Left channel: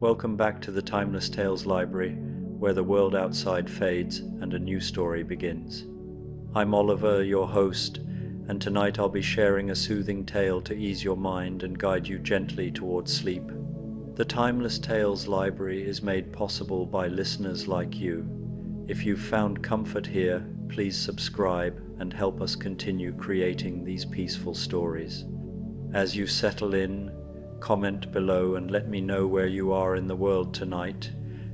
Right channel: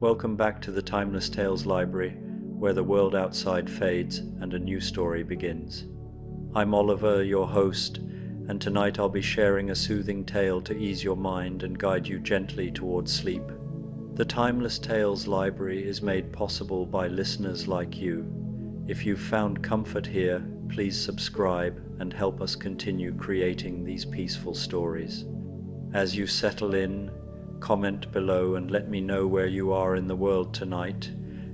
Welcome back to the Timeless Tales Library, where the world outside fades and a new story begins. I'm Oliver, your host, and tonight I'll be sharing a soothing tale to ease your mind and guide you gently towards sleep. The Timeless Tales Library is made possible by listeners like you. If you've found comfort here, please subscribe and help us continue creating these peaceful stories. As you settle in, comment below and let me know where you are in the world tonight,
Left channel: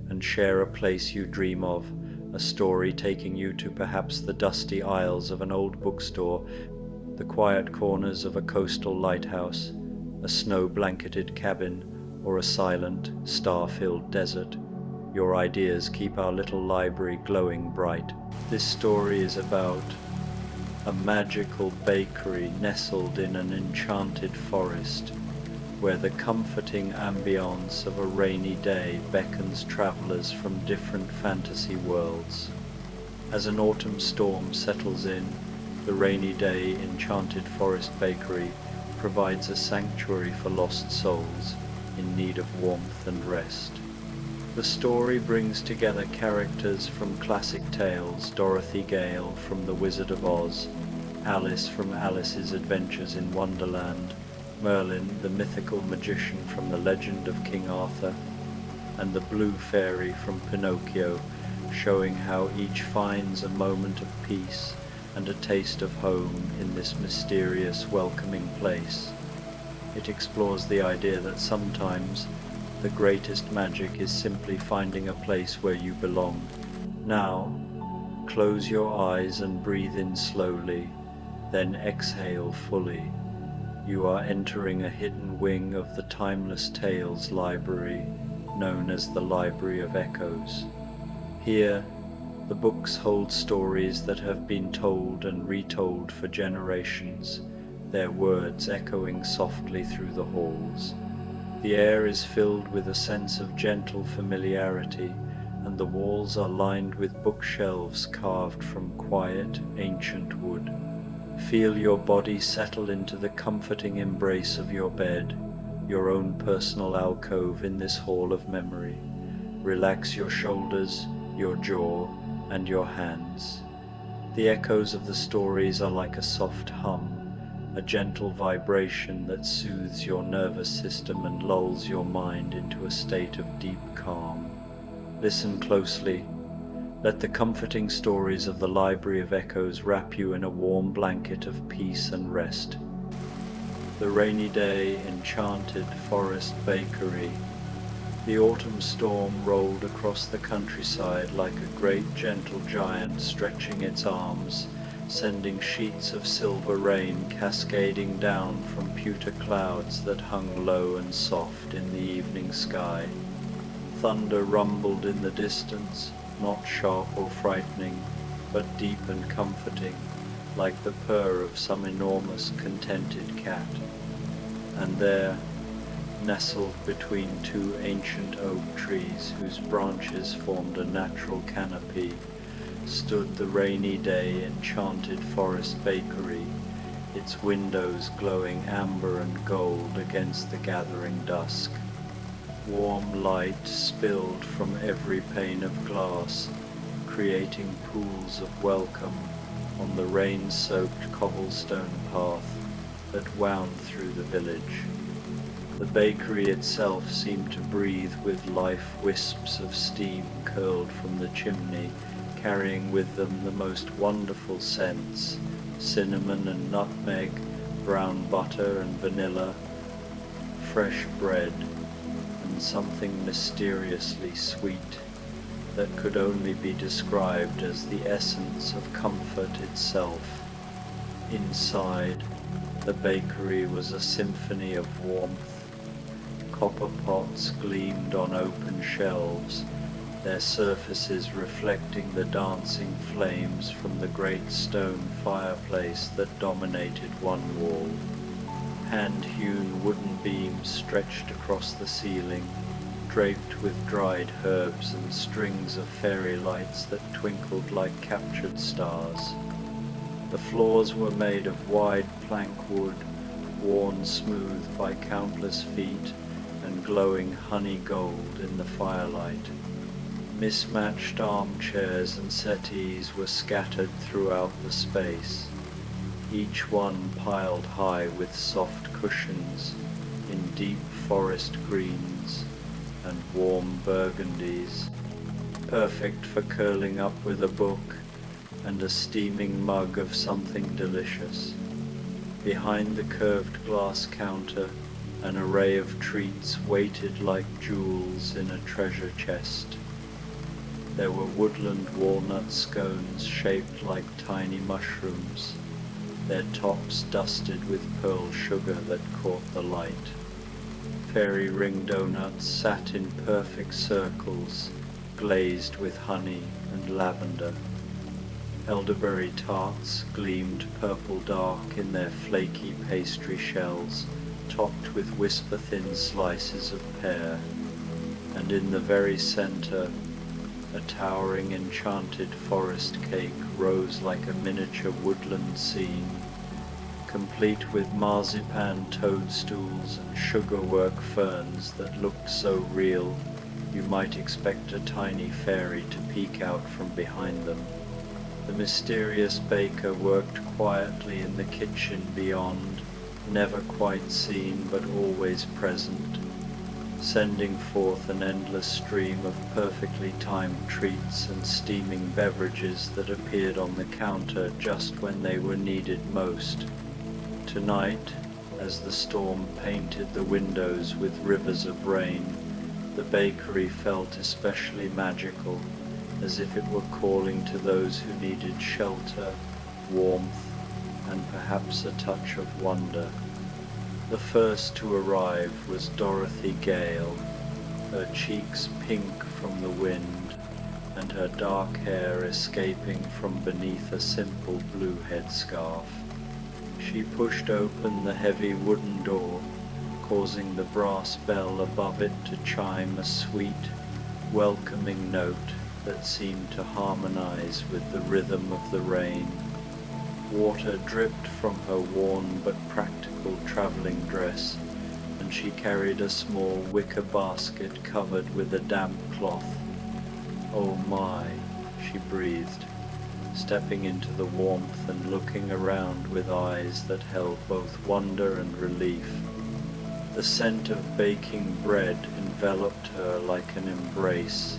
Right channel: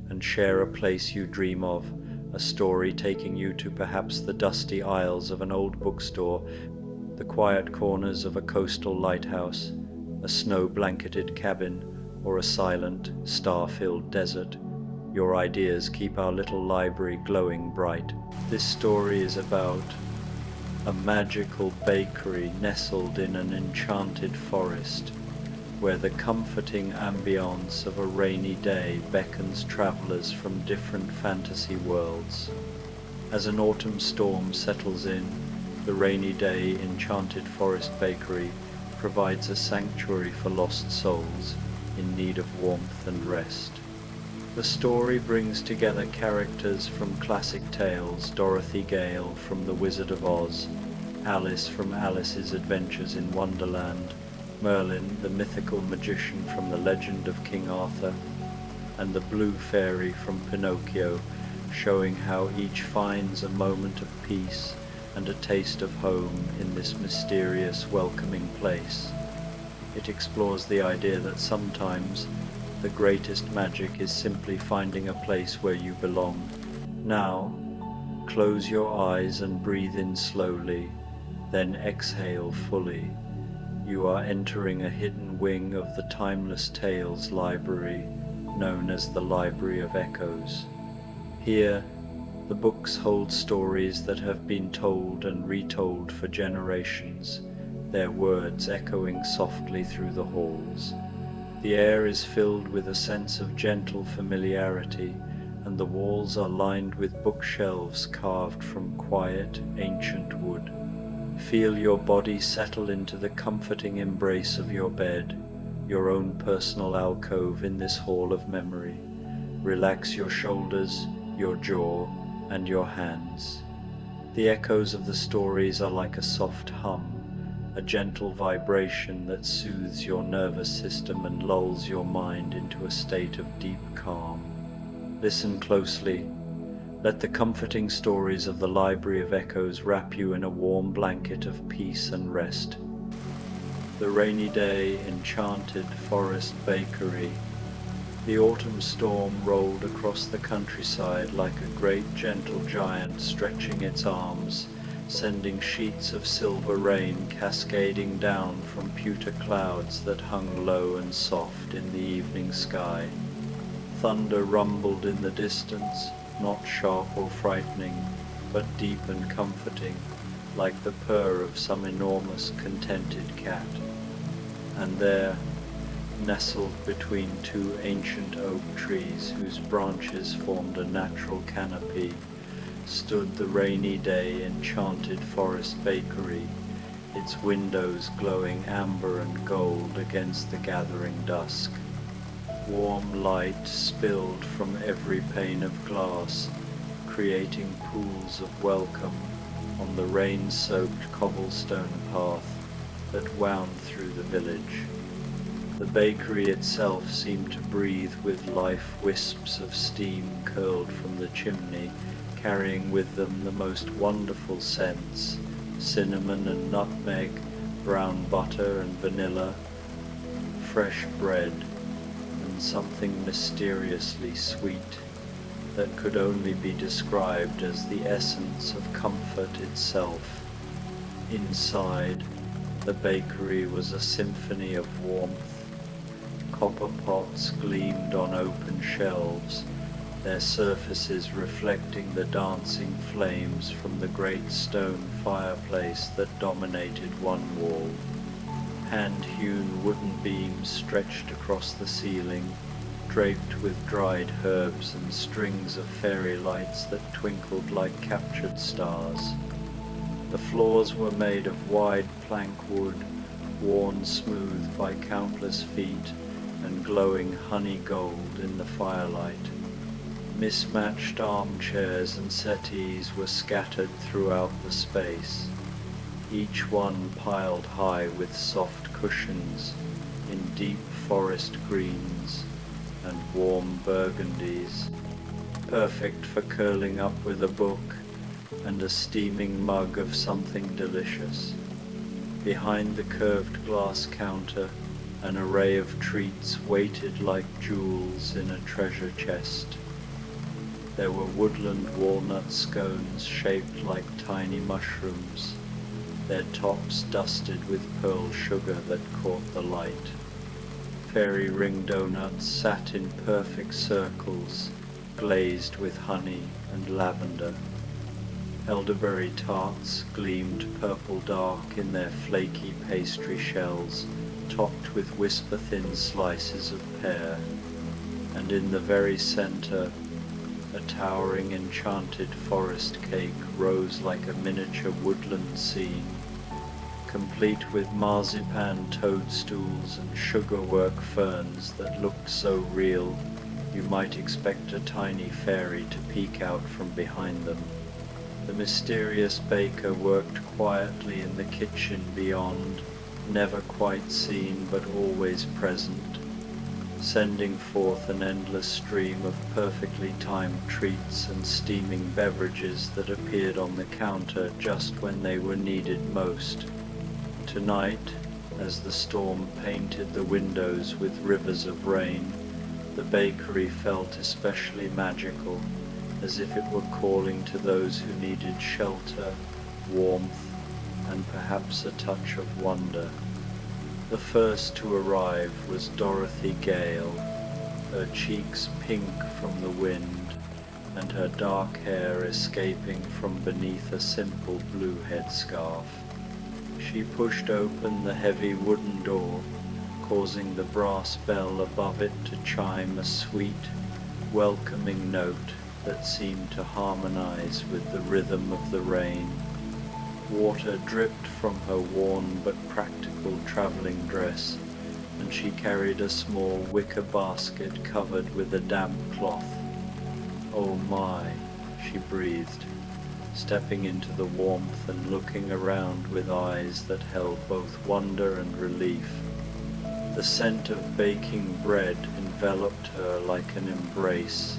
and share a place you dream of, a story taking you to perhaps the dusty aisles of an old bookstore, the quiet corners of a coastal lighthouse, a snow-blanketed cabin, or a silent, star-filled desert. Your ideas keep our little library glowing bright. This story is about a magical bakery nestled in an enchanted forest, where the comforting ambience of a rainy day beckons travelers from different fantasy worlds. As an autumn storm settles in, the Rainy Day Enchanted Forest Bakery provides a sanctuary for lost souls in need of warmth and rest. The story brings together characters from classic tales: Dorothy Gale from The Wizard of Oz, Alice from Alice's Adventures in Wonderland, Merlin, the mythical magician from the legend of King Arthur, and the Blue Fairy from Pinocchio, showing how each finds a moment of peace and a taste of home in this mysterious, welcoming place. It explores the idea that sometimes the greatest magic is simply finding a place where you belong. Now, close your eyes and breathe in slowly, then exhale fully. You are entering a hidden wing of the Timeless Tales Library, known as the Library of Echoes. Here, the books hold stories that have been told and retold for generations, their words echoing softly through the halls. The air is filled with a sense of gentle familiarity, and the walls are lined with bookshelves carved from quiet, ancient wood. Feel your body settle into the comforting embrace of your bed, your own personal alcove in this hall of memory. Relax your shoulders, your jaw, and your hands. The echoes of the stories are like a soft hum, a gentle vibration that soothes your nervous system and lulls your mind into a state of deep calm. Listen closely. Let the comforting stories of the Library of Echoes wrap you in a warm blanket of peace and rest. The Rainy Day Enchanted Forest Bakery. The autumn storm rolled across the countryside like a great gentle giant stretching its arms, sending sheets of silver rain cascading down from pewter clouds that hung low and soft in the evening sky. Thunder rumbled in the distance, not sharp or frightening, but deep and comforting, like the purr of some enormous contented cat. And there, nestled between two ancient oak trees whose branches formed a natural canopy, stood the Rainy Day Enchanted Forest Bakery, its windows glowing amber and gold against the gathering dusk. Warm light spilled from every pane of glass, creating pools of welcome on the rain-soaked cobblestone path that wound through the village. The bakery itself seemed to breathe with life. Wisps of steam curled from the chimney, carrying with them the most wonderful scents: cinnamon and nutmeg, brown butter and vanilla, fresh bread, and something mysteriously sweet that could only be described as the essence of comfort itself. Inside, the bakery was a symphony of warmth. Copper pots gleamed on open shelves, their surfaces reflecting the dancing flames from the great stone fireplace that dominated one wall. Hand-hewn wooden beams stretched across the ceiling, draped with dried herbs and strings of fairy lights that twinkled like captured stars. The floors were made of wide plank wood, worn smooth by countless feet, and glowing honey gold in the firelight. Mismatched armchairs and settees were scattered throughout the space, each one piled high with soft cushions in deep forest greens and warm burgundies, perfect for curling up with a book and a steaming mug of something delicious. Behind the curved glass counter, an array of treats waited like jewels in a treasure chest. There were woodland walnut scones shaped like tiny mushrooms, their tops dusted with pearl sugar that caught the light. Fairy ring donuts sat in perfect circles, glazed with honey and lavender. Elderberry tarts gleamed purple dark in their flaky pastry shells, topped with whisper-thin slices of pear, and in the very center, a towering enchanted forest cake rose like a miniature woodland scene, complete with marzipan toadstools and sugarwork ferns that looked so real you might expect a tiny fairy to peek out from behind them. The mysterious baker worked quietly in the kitchen beyond, never quite seen but always present, sending forth an endless stream of perfectly timed treats and steaming beverages that appeared on the counter just when they were needed most. Tonight, as the storm painted the windows with rivers of rain, the bakery felt especially magical, as if it were calling to those who needed shelter, warmth, and perhaps a touch of wonder. The first to arrive was Dorothy Gale, her cheeks pink from the wind, and her dark hair escaping from beneath a simple blue headscarf. She pushed open the heavy wooden door, causing the brass bell above it to chime a sweet, welcoming note that seemed to harmonize with the rhythm of the rain. Water dripped from her worn but practical traveling dress, and she carried a small wicker basket covered with a damp cloth. "Oh my," she breathed, stepping into the warmth and looking around with eyes that held both wonder and relief. The scent of baking bread enveloped her like an embrace,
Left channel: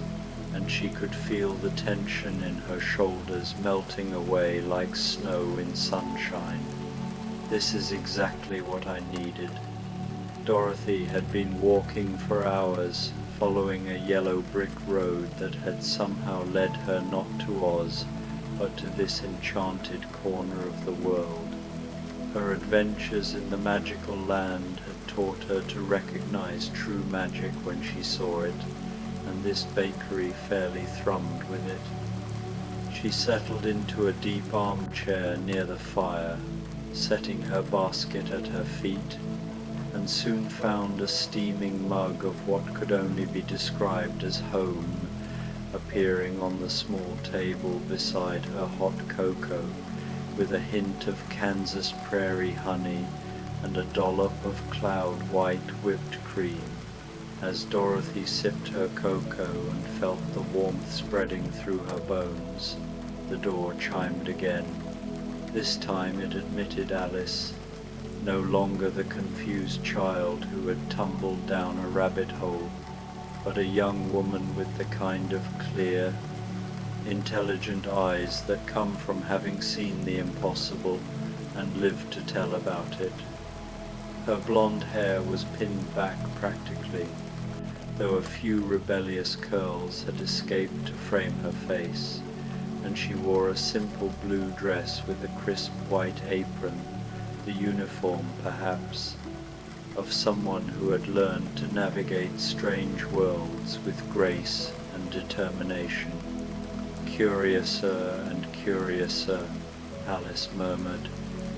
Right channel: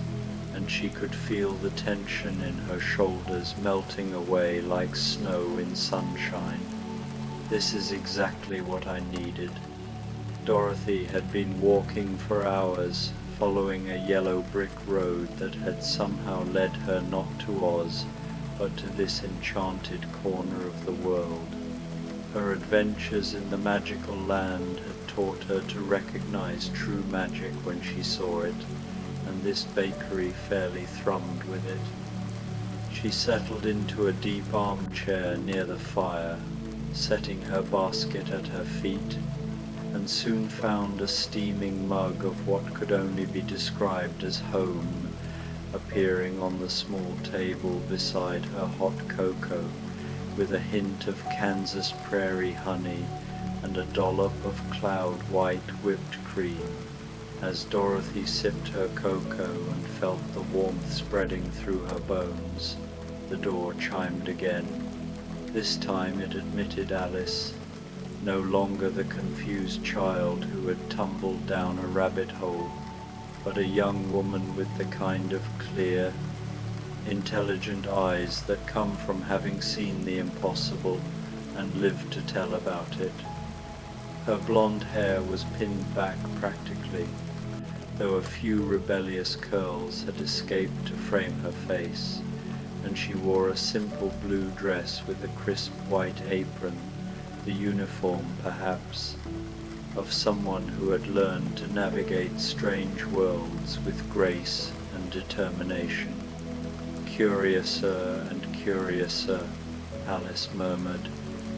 and she could feel the tension in her shoulders melting away like snow in sunshine. This is exactly what I needed. Dorothy had been walking for hours, following a yellow brick road that had somehow led her not to Oz, but to this enchanted corner of the world. Her adventures in the magical land had taught her to recognize true magic when she saw it, and this bakery fairly thrummed with it. She settled into a deep armchair near the fire, setting her basket at her feet, and soon found a steaming mug of what could only be described as home appearing on the small table beside her hot cocoa, with a hint of Kansas prairie honey and a dollop of cloud white whipped cream. As Dorothy sipped her cocoa and felt the warmth spreading through her bones, the door chimed again. This time it admitted Alice, no longer the confused child who had tumbled down a rabbit hole, but a young woman with the kind of clear, intelligent eyes that come from having seen the impossible and lived to tell about it. Her blonde hair was pinned back practically, though a few rebellious curls had escaped to frame her face, and she wore a simple blue dress with a crisp white apron, the uniform, perhaps, of someone who had learned to navigate strange worlds with grace and determination. "Curiouser and curiouser," Alice murmured,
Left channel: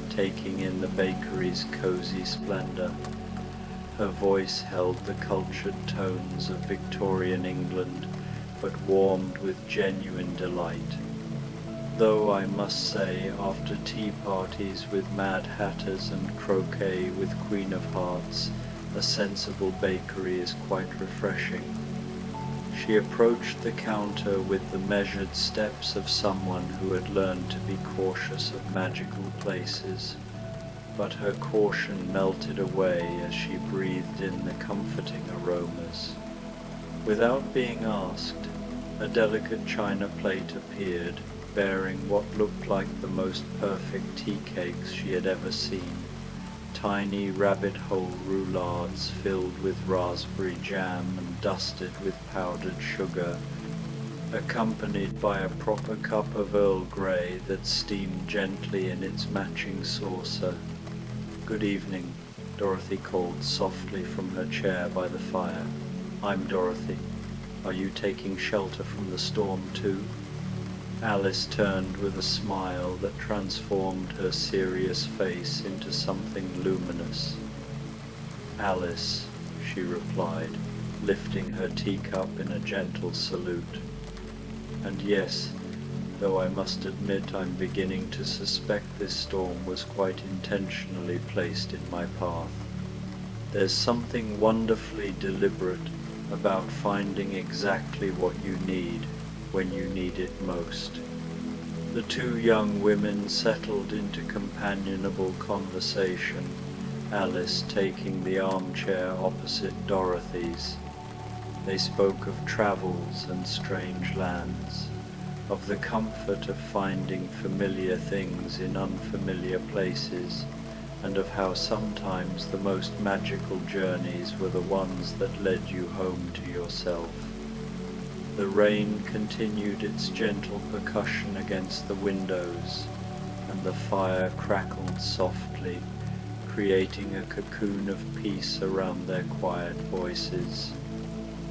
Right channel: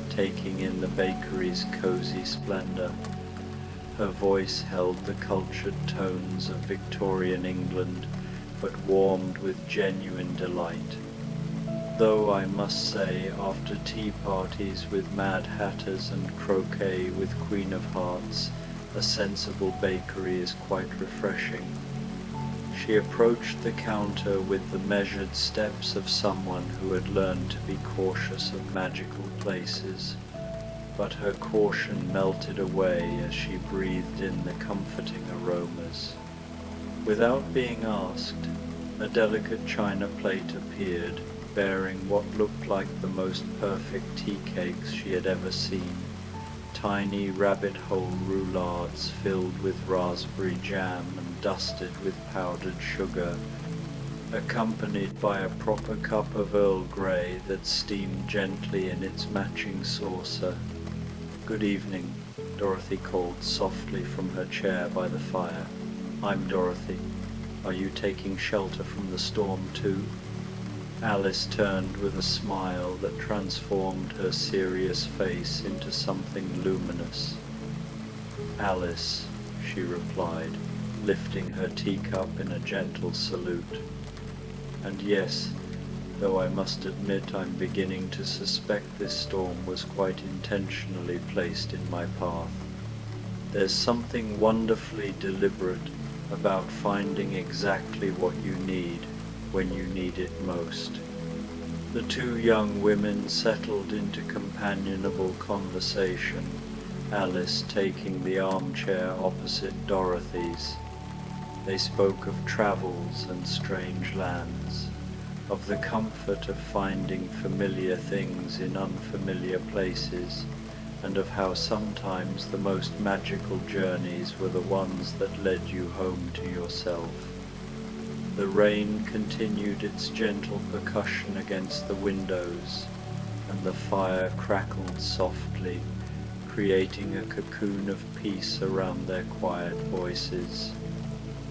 taking in the bakery's cozy splendor. Her voice held the cultured tones of Victorian England, but warmed with genuine delight. Though I must say, after tea parties with Mad Hatters and croquet with Queen of Hearts, A sensible bakery is quite refreshing. She approached the counter with the measured steps of someone who had learned to be cautious of magical places, but her caution melted away as she breathed in the comforting aromas. Without being asked, a delicate china plate appeared, bearing what looked like the most perfect tea cakes she had ever seen. Tiny rabbit-hole roulades filled with raspberry jam and dusted with powdered sugar, accompanied by a proper cup of Earl Grey that steamed gently in its matching saucer. "Good evening," Dorothy called softly from her chair by the fire. "I'm Dorothy. Are you taking shelter from the storm too?" Alice turned with a smile that transformed her serious face into something luminous. "Alice," she replied, lifting her teacup in a gentle salute. "And yes, though I must admit I'm beginning to suspect this storm was quite intentionally placed in my path. There's something wonderfully deliberate about finding exactly what you need when you need it most." The two young women settled into companionable conversation, Alice taking the armchair opposite Dorothy's. They spoke of travels and strange lands, of the comfort of finding familiar things in unfamiliar places, and of how sometimes the most magical journeys were the ones that led you home to yourself. The rain continued its gentle percussion against the windows, and the fire crackled softly, creating a cocoon of peace around their quiet voices.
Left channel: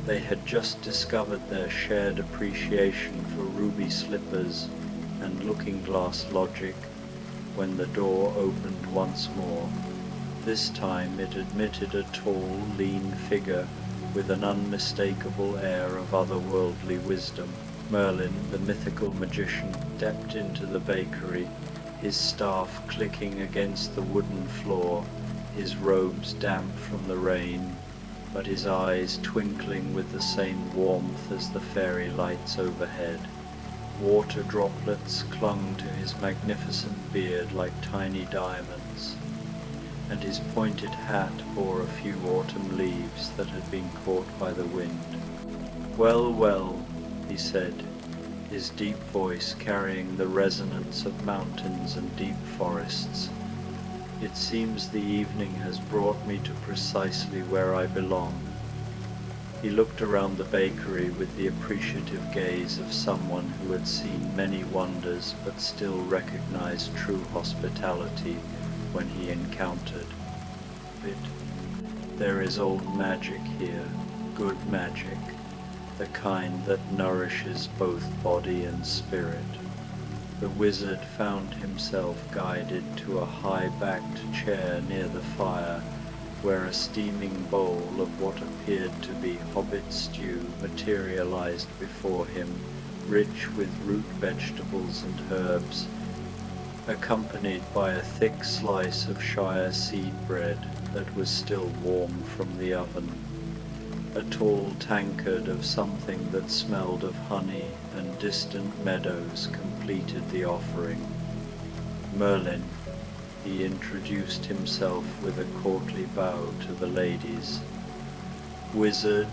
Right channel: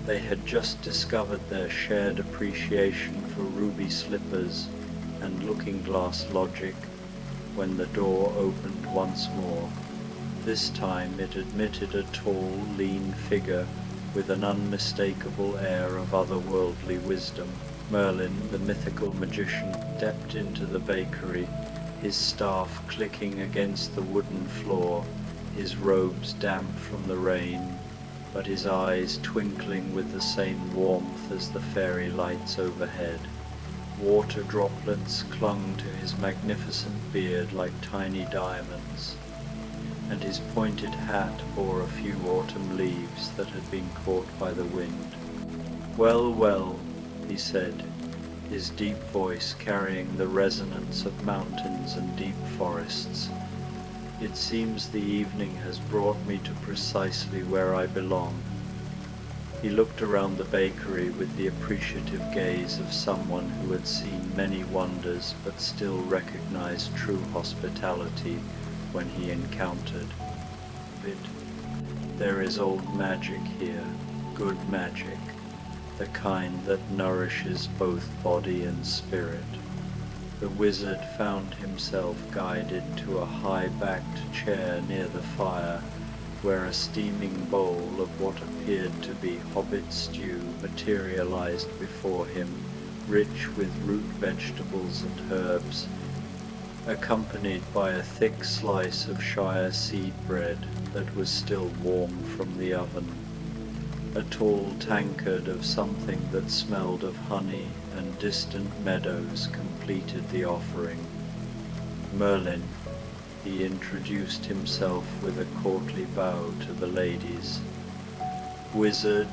They had just discovered their shared appreciation for ruby slippers and looking-glass logic when the door opened once more. This time it admitted a tall, lean figure with an unmistakable air of otherworldly wisdom. Merlin, the mythical magician, stepped into the bakery, his staff clicking against the wooden floor, his robes damp from the rain, but his eyes twinkling with the same warmth as the fairy lights overhead. Water droplets clung to his magnificent beard like tiny diamonds, and his pointed hat bore a few autumn leaves that had been caught by the wind. "Well, well," he said, his deep voice carrying the resonance of mountains and deep forests. "It seems the evening has brought me to precisely where I belong." He looked around the bakery with the appreciative gaze of someone who had seen many wonders but still recognized true hospitality when he encountered it. "There is old magic here, good magic, the kind that nourishes both body and spirit." The wizard found himself guided to a high-backed chair near the fire, where a steaming bowl of what appeared to be hobbit stew materialized before him, rich with root vegetables and herbs, accompanied by a thick slice of Shire seed bread that was still warm from the oven. A tall tankard of something that smelled of honey and distant meadows completed the offering. "Merlin," he introduced himself with a courtly bow to the ladies. "Wizard,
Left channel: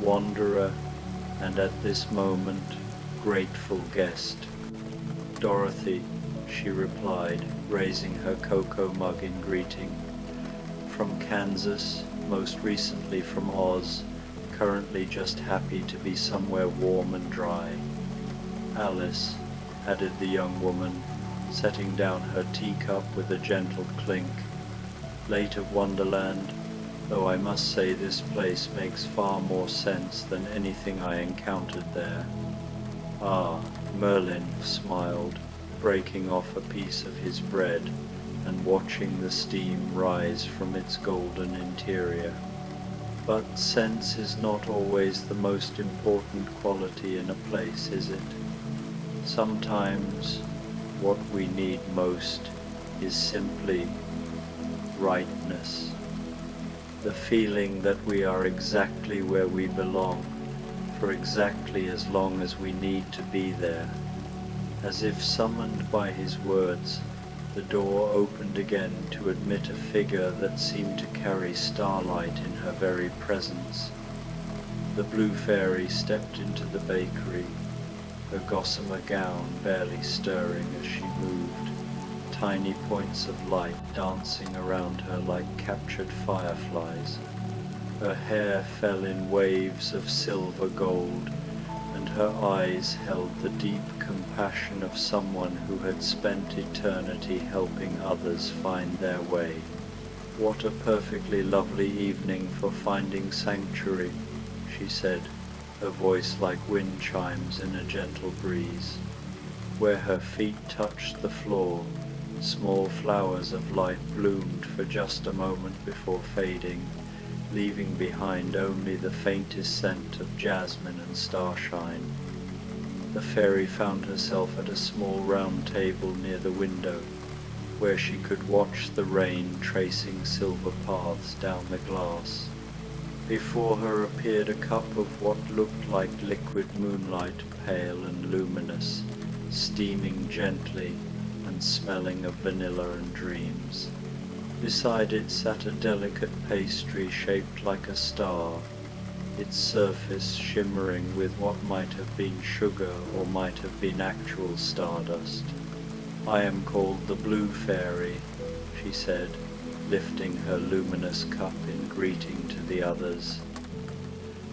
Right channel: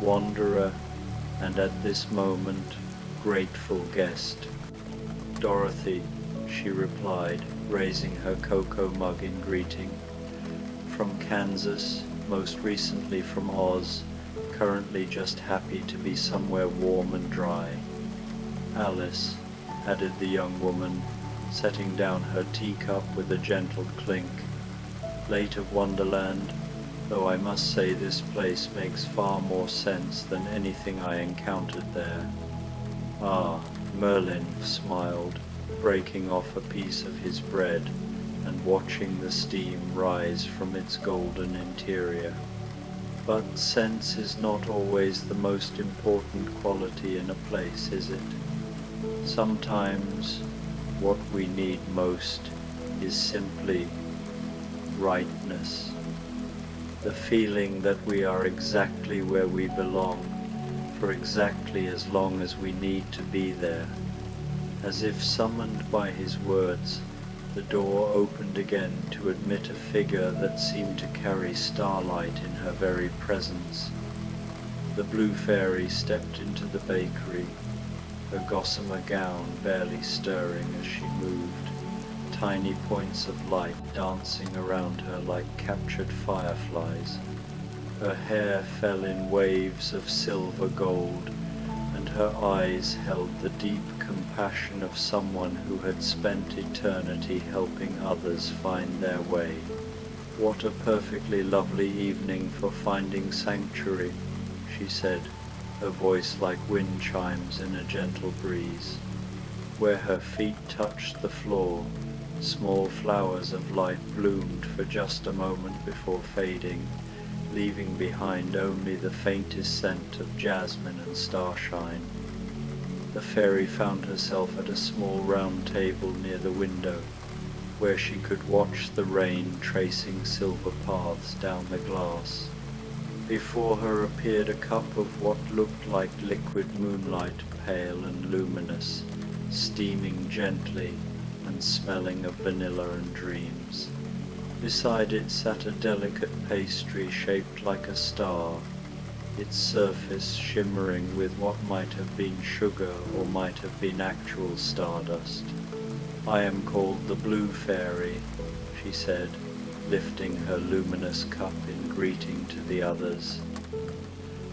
wanderer, and at this moment, grateful guest." "Dorothy," she replied, raising her cocoa mug in greeting. "From Kansas, most recently from Oz, currently just happy to be somewhere warm and dry." "Alice," added the young woman, setting down her teacup with a gentle clink. "Late of Wonderland, though I must say this place makes far more sense than anything I encountered there." "Ah," Merlin smiled, breaking off a piece of his bread and watching the steam rise from its golden interior. "But sense is not always the most important quality in a place, is it? Sometimes what we need most is simply rightness." the feeling that we are exactly where we belong, for exactly as long as we need to be there. As if summoned by his words, the door opened again to admit a figure that seemed to carry starlight in her very presence. The blue fairy stepped into the bakery, her gossamer gown barely stirring as she moved, tiny points of light dancing around her like captured fireflies. Her hair fell in waves of silver gold, and her eyes held the deep compassion of someone who had spent eternity helping others find their way. "What a perfectly lovely evening for finding sanctuary," she said, her voice like wind chimes in a gentle breeze. Where her feet touched the floor, small flowers of light bloomed for just a moment before fading, leaving behind only the faintest scent of jasmine and starshine. The fairy found herself at a small round table near the window, where she could watch the rain tracing silver paths down the glass. Before her appeared a cup of what looked like liquid moonlight, pale and luminous, steaming gently and smelling of vanilla and dreams. Beside it sat a delicate pastry shaped like a star, its surface shimmering with what might have been sugar or might have been actual stardust. "I am called the Blue Fairy," she said, lifting her luminous cup in greeting to the others.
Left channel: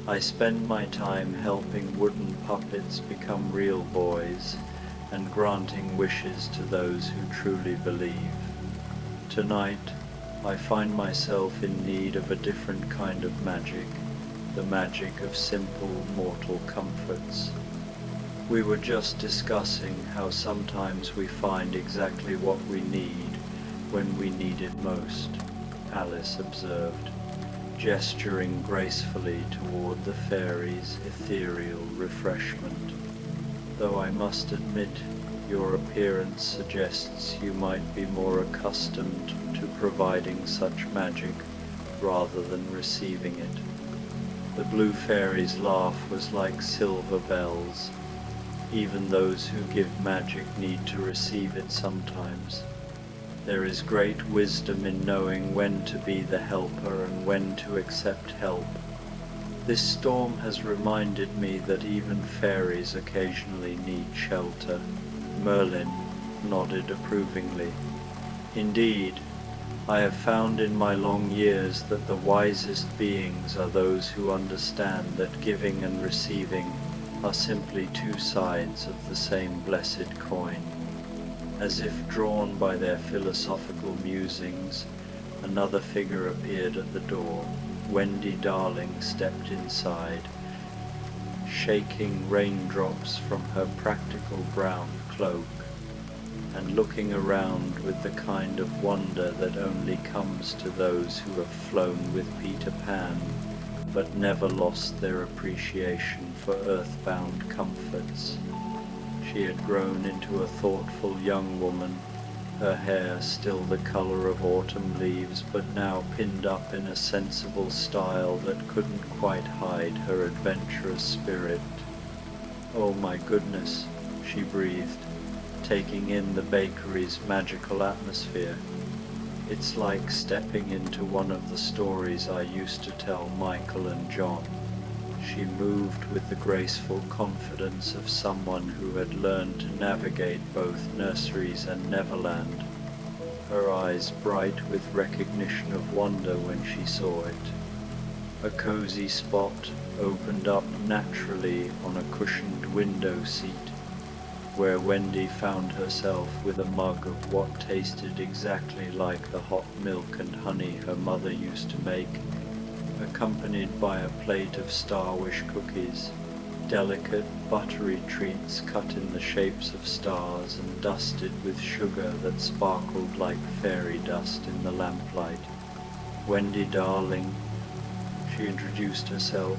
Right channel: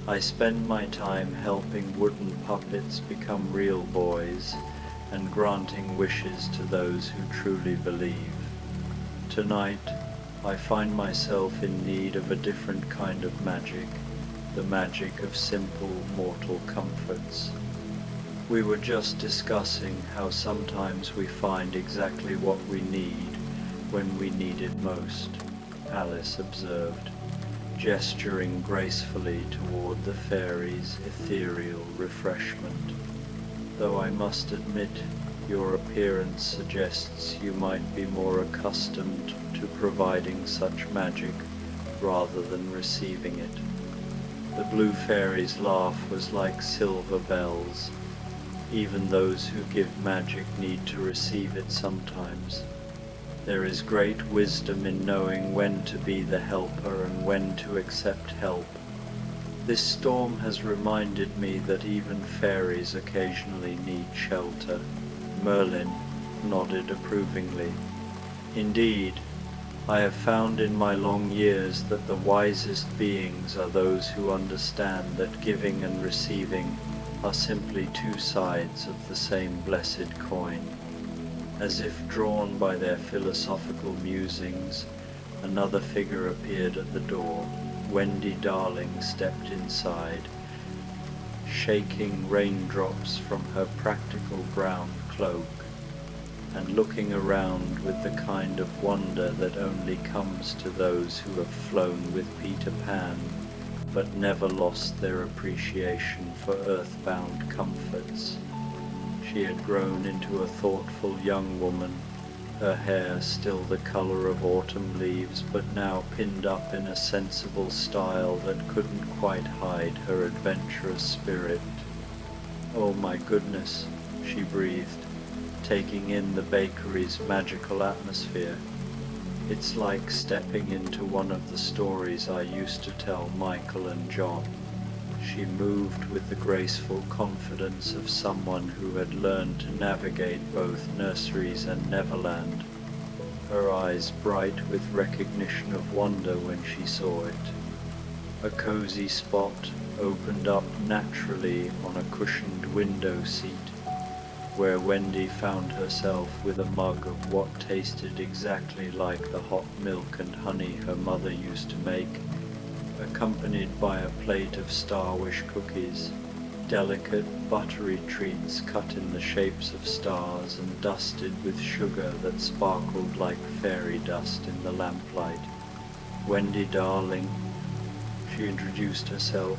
"I spend my time helping wooden puppets become real boys and granting wishes to those who truly believe. Tonight, I find myself in need of a different kind of magic, the magic of simple mortal comforts. We were just discussing how sometimes we find exactly what we need when we need it most," Alice observed, gesturing gracefully toward the fairy's ethereal refreshment. "Though I must admit, your appearance suggests you might be more accustomed to providing such magic rather than receiving it." The blue fairy's laugh was like silver bells. "Even those who give magic need to receive it sometimes. There is great wisdom in knowing when to be the helper and when to accept help. This storm has reminded me that even fairies occasionally need shelter." Merlin nodded approvingly. "Indeed, I have found in my long years that the wisest beings are those who understand that giving and receiving are simply two sides of the same blessed coin." As if drawn by their philosophical musings, another figure appeared at the door. Wendy Darling stepped inside, shaking raindrops from her practical brown cloak, and looking around with the kind of wonder that only comes to those who have flown with Peter Pan, but never lost their appreciation for earthbound comforts. She had grown into a thoughtful young woman, her hair still the color of autumn leaves, but now pinned up in a sensible style that couldn't quite hide her adventurous spirit. "Oh my goodness," she breathed, taking in the bakery's magical atmosphere. "It's like stepping into one of the stories I used to tell Michael and John." She moved with the graceful confidence of someone who had learned to navigate both nurseries and Neverland, her eyes bright with recognition of wonder when she saw it. A cozy spot opened up naturally on a cushioned window seat, where Wendy found herself with a mug of what tasted exactly like the hot milk and honey her mother used to make, accompanied by a plate of Star-Wish cookies, delicate buttery treats cut in the shapes of stars and dusted with sugar that sparkled like fairy dust in the lamplight. "Wendy Darling," she introduced herself,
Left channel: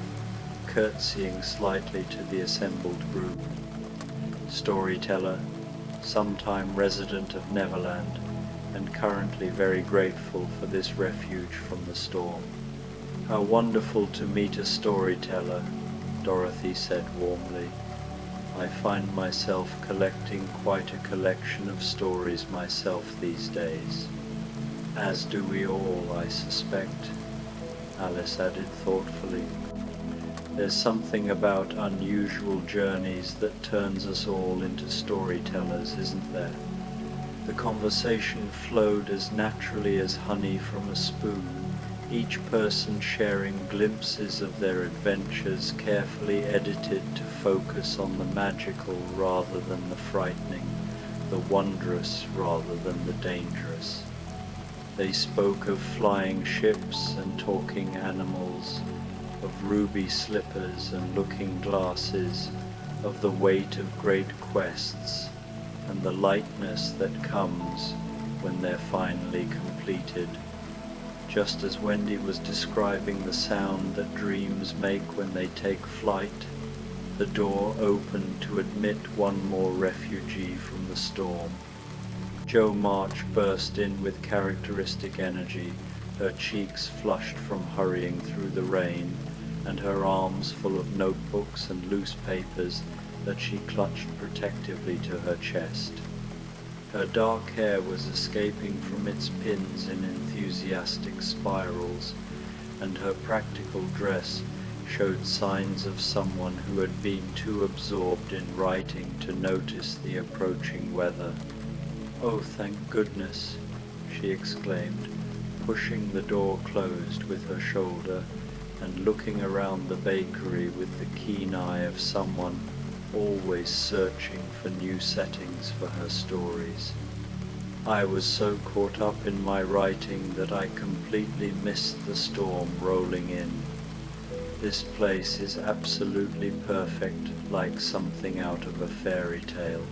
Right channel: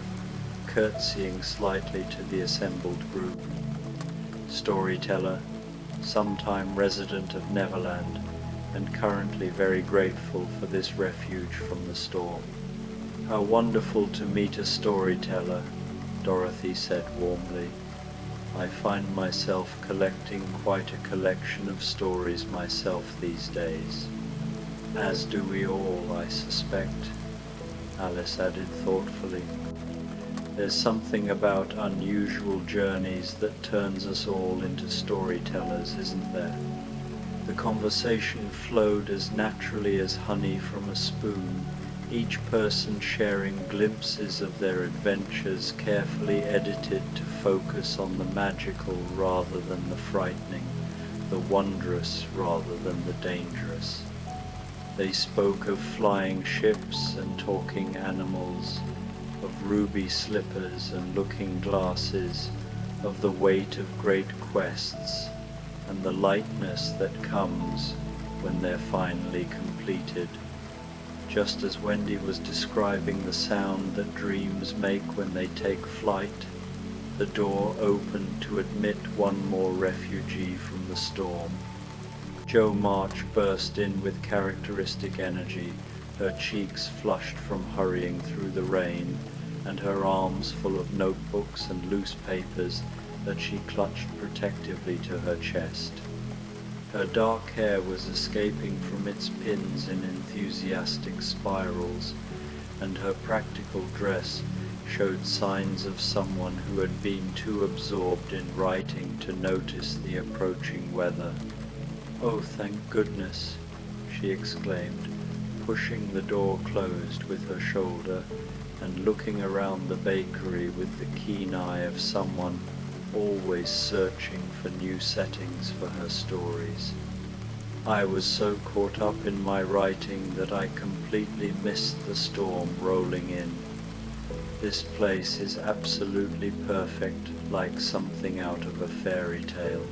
curtsying slightly to the assembled group. "Storyteller, sometime resident of Neverland, and currently very grateful for this refuge from the storm." How wonderful to meet a storyteller, Dorothy said warmly. I find myself collecting quite a collection of stories myself these days. As do we all, I suspect, Alice added thoughtfully. There's something about unusual journeys that turns us all into storytellers, isn't there? The conversation flowed as naturally as honey from a spoon, each person sharing glimpses of their adventures carefully edited to focus on the magical rather than the frightening, the wondrous rather than the dangerous. They spoke of flying ships and talking animals, of ruby slippers and looking glasses, of the weight of great quests, and the lightness that comes when they're finally completed. Just as Wendy was describing the sound that dreams make when they take flight, the door opened to admit one more refugee from the storm. Jo March burst in with characteristic energy, her cheeks flushed from hurrying through the rain, and her arms full of notebooks and loose papers that she clutched protectively to her chest. Her dark hair was escaping from its pins in enthusiastic spirals, and her practical dress showed signs of someone who had been too absorbed in writing to notice the approaching weather. "Oh, thank goodness," she exclaimed, pushing the door closed with her shoulder and looking around the bakery with the keen eye of someone always searching for new settings for her stories. "I was so caught up in my writing that I completely missed the storm rolling in. This place is absolutely perfect, like something out of a fairy tale."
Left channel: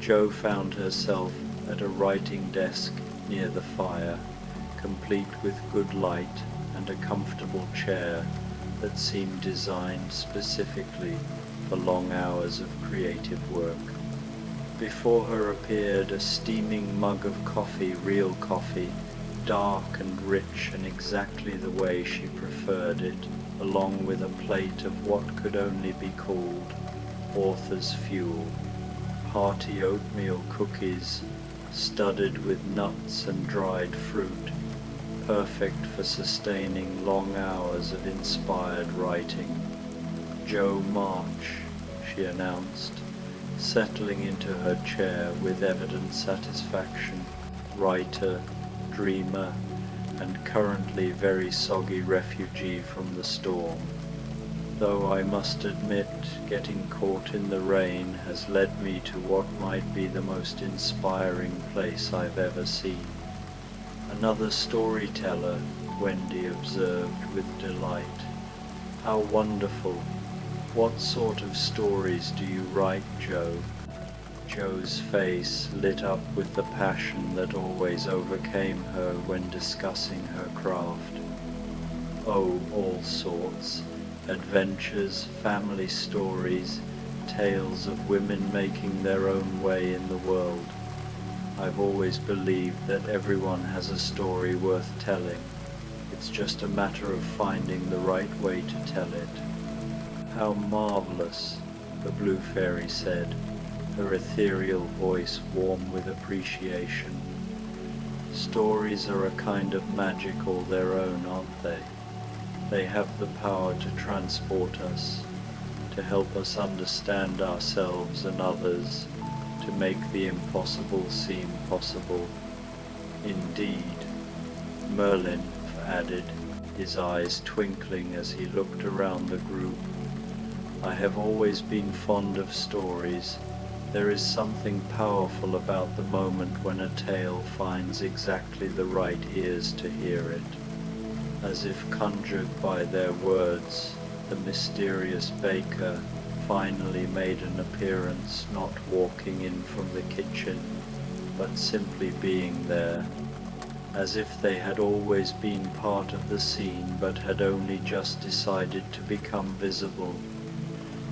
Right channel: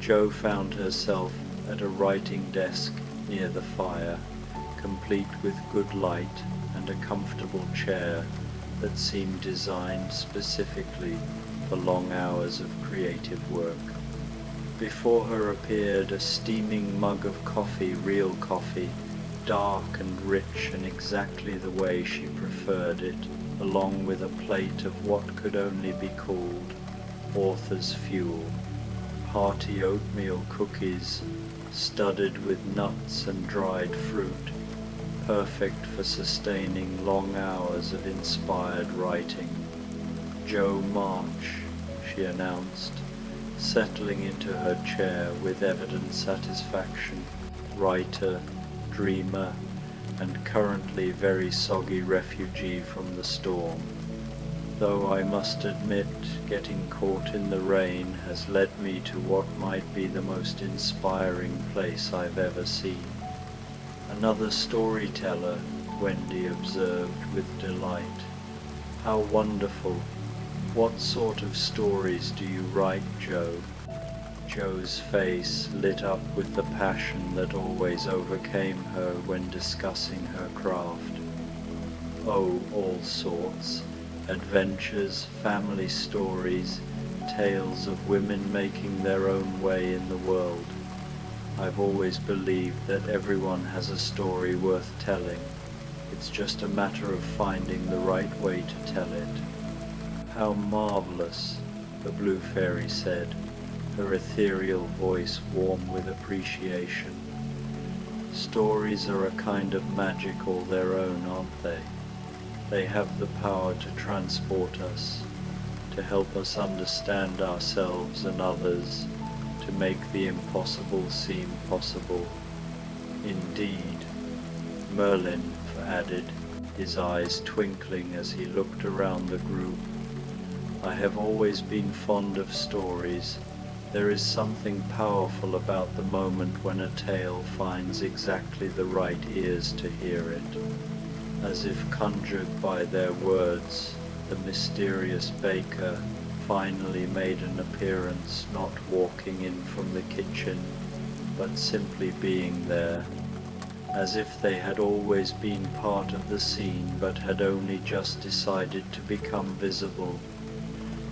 Jo found herself at a writing desk near the fire, complete with good light and a comfortable chair that seemed designed specifically for long hours of creative work. Before her appeared a steaming mug of coffee, real coffee, dark and rich and exactly the way she preferred it, along with a plate of what could only be called author's fuel, hearty oatmeal cookies studded with nuts and dried fruit, perfect for sustaining long hours of inspired writing. "Jo March," she announced, settling into her chair with evident satisfaction, writer, dreamer, and currently very soggy refugee from the storm. "Though I must admit, getting caught in the rain has led me to what might be the most inspiring place I've ever seen." "Another storyteller," Wendy observed with delight. "How wonderful! What sort of stories do you write, Jo?" Jo's face lit up with the passion that always overcame her when discussing her craft. "Oh, all sorts. Adventures, family stories, tales of women making their own way in the world. I've always believed that everyone has a story worth telling. It's just a matter of finding the right way to tell it." "How marvelous," the blue fairy said, her ethereal voice warm with appreciation. "Stories are a kind of magic all their own, aren't they? They have the power to transport us, to help us understand ourselves and others, to make the impossible seem possible." "Indeed," Merlin added, his eyes twinkling as he looked around the group. "I have always been fond of stories. There is something powerful about the moment when a tale finds exactly the right ears to hear it. As if conjured by their words, the mysterious baker finally made an appearance, not walking in from the kitchen, but simply being there, as if they had always been part of the scene but had only just decided to become visible.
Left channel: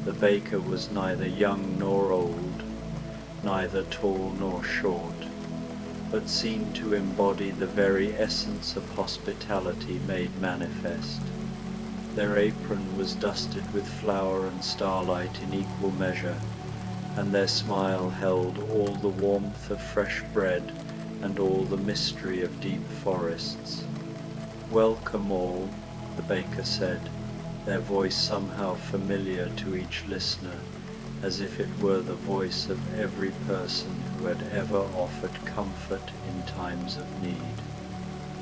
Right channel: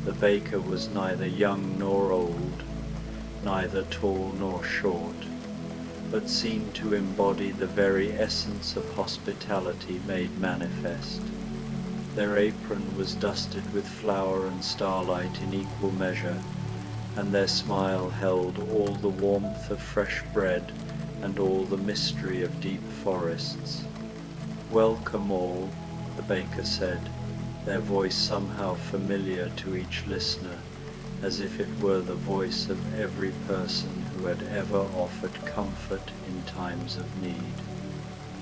The baker was neither young nor old, neither tall nor short, but seemed to embody the very essence of hospitality made manifest. Their apron was dusted with flour and starlight in equal measure, and their smile held all the warmth of fresh bread and all the mystery of deep forests. "Welcome all," the baker said, their voice somehow familiar to each listener, as if it were the voice of every person who had ever offered comfort in times of need.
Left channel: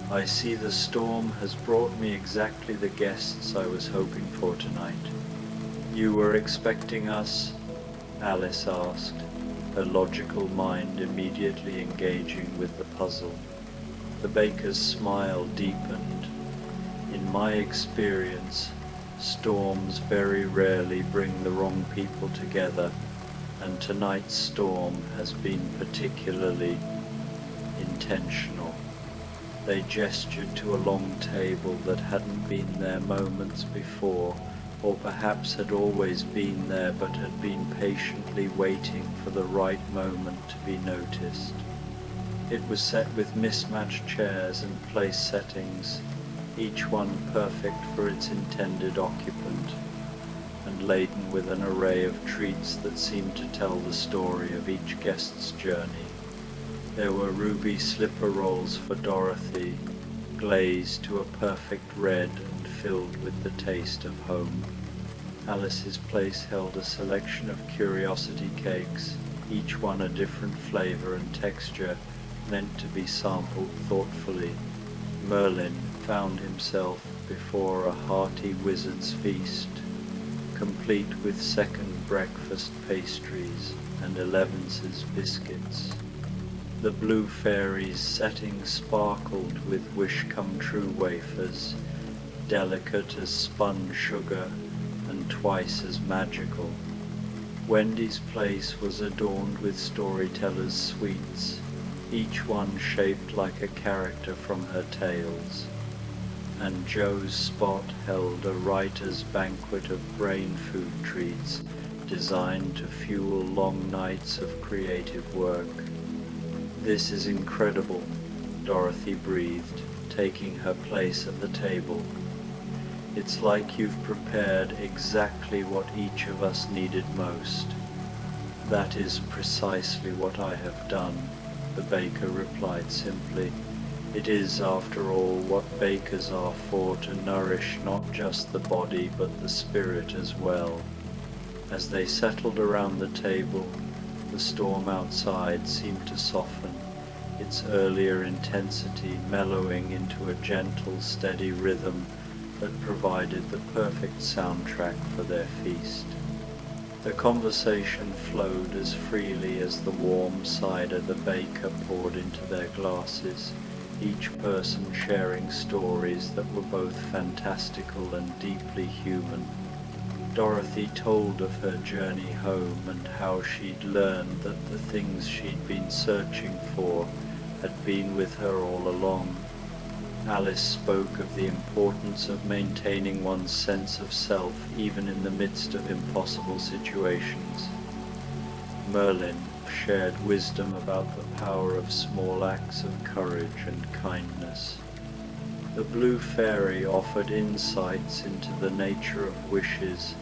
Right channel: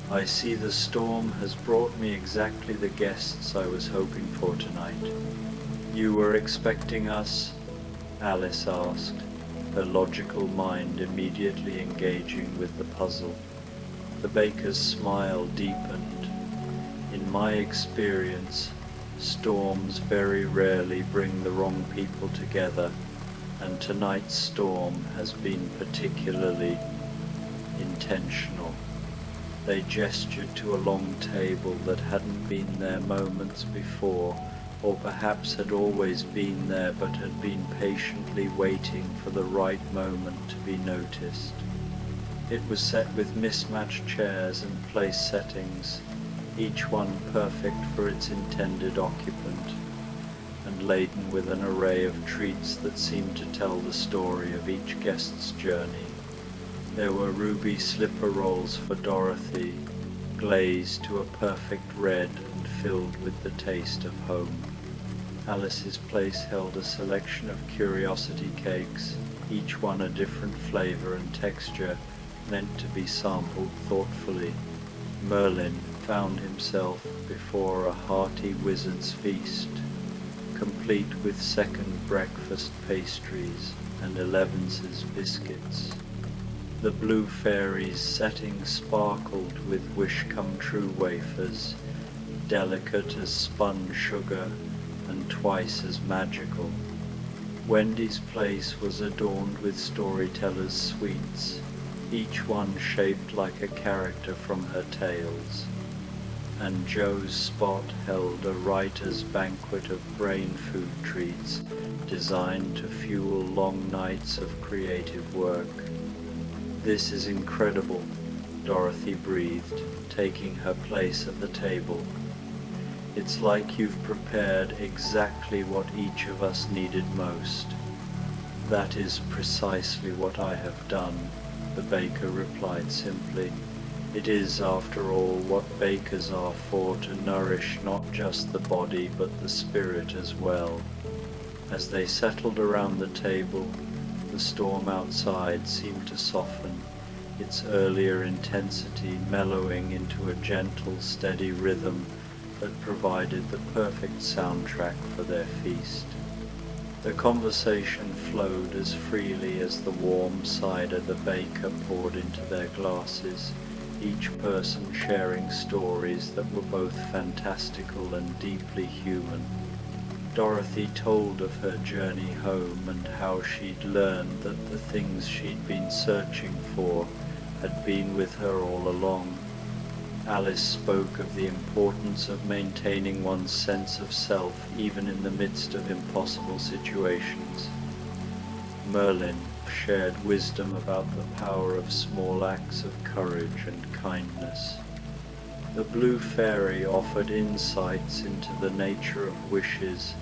"I see the storm has brought me exactly the guests I was hoping for tonight." "You were expecting us?" Alice asked, her logical mind immediately engaging with the puzzle. The baker's smile deepened. "In my experience, storms very rarely bring the wrong people together, and tonight's storm has been particularly intentional." They gestured to a long table that hadn't been there moments before, or perhaps had always been there but had been patiently waiting for the right moment to be noticed. It was set with mismatched chairs and place settings, each one perfect for its intended occupant, and laden with an array of treats that seemed to tell the story of each guest's journey. There were ruby slipper rolls for Dorothy, glazed to a perfect red and filled with the taste of home. Alice's place held a selection of curiosity cakes, each one a different flavor and texture, meant to be sampled thoughtfully. Merlin found himself before a hearty wizard's feast, complete with second breakfast pastries and Elevence's biscuits. The blue fairy's setting sparkled with wish-come-true wafers, delicate as spun sugar and twice as magical. Wendy's place was adorned with storytellers' sweets, each one shaped like a character from her tales, and Joe's spot held a writer's banquet of brain food treats designed to fuel long nights of creative work. "This is incredible," Dorothy breathed, taking her place at the table. "It's like you've prepared exactly what each of us needed most." "That is precisely what I have done," the baker replied simply. "It is, after all, what bakers are for, to nourish not just the body but the spirit as well." As they settled around the table, the storm outside seemed to soften, its earlier intensity mellowing into a gentle, steady rhythm that provided the perfect soundtrack for their feast. The conversation flowed as freely as the warm cider the baker poured into their glasses, each person sharing stories that were both fantastical and deeply human. Dorothy told of her journey home and how she'd learned that the things she'd been searching for had been with her all along. Alice spoke of the importance of maintaining one's sense of self even in the midst of impossible situations. Merlin shared wisdom about the power of small acts of courage and kindness. The blue fairy offered insights into the nature of wishes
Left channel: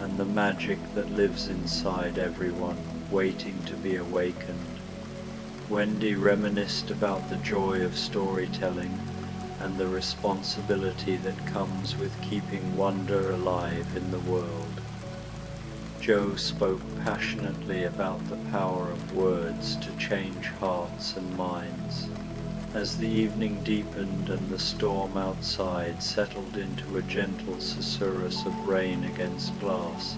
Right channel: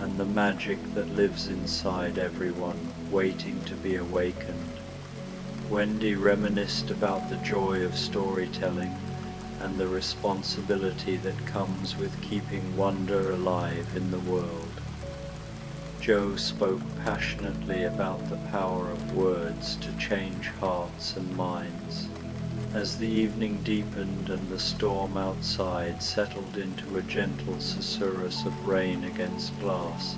and the magic that lives inside everyone, waiting to be awakened. Wendy reminisced about the joy of storytelling and the responsibility that comes with keeping wonder alive in the world. Joe spoke passionately about the power of words to change hearts and minds. As the evening deepened and the storm outside settled into a gentle susurrus of rain against glass,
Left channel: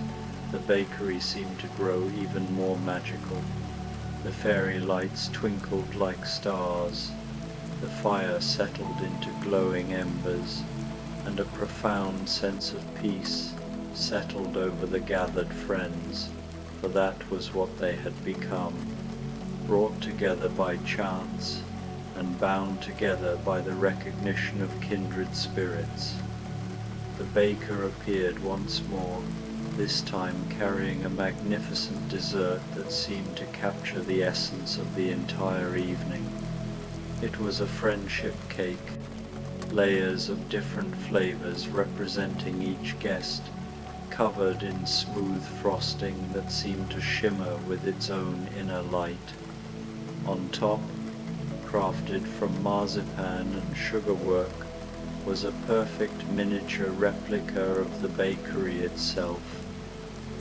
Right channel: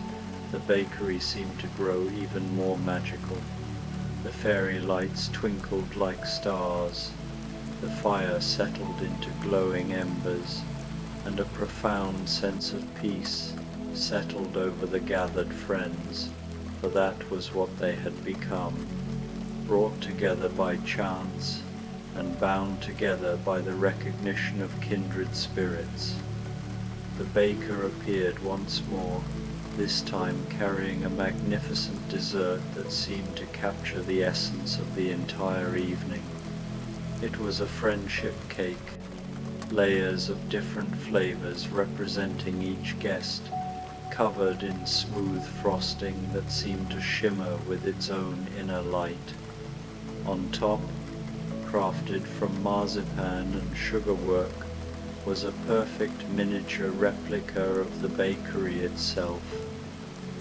the bakery seemed to grow even more magical. The fairy lights twinkled like stars, the fire settled into glowing embers, and a profound sense of peace settled over the gathered friends, for that was what they had become, brought together by chance and bound together by the recognition of kindred spirits. The baker appeared once more, this time carrying a magnificent dessert that seemed to capture the essence of the entire evening. It was a friendship cake, layers of different flavors representing each guest, covered in smooth frosting that seemed to shimmer with its own inner light. On top, crafted from marzipan and sugarwork, was a perfect miniature replica of the bakery itself,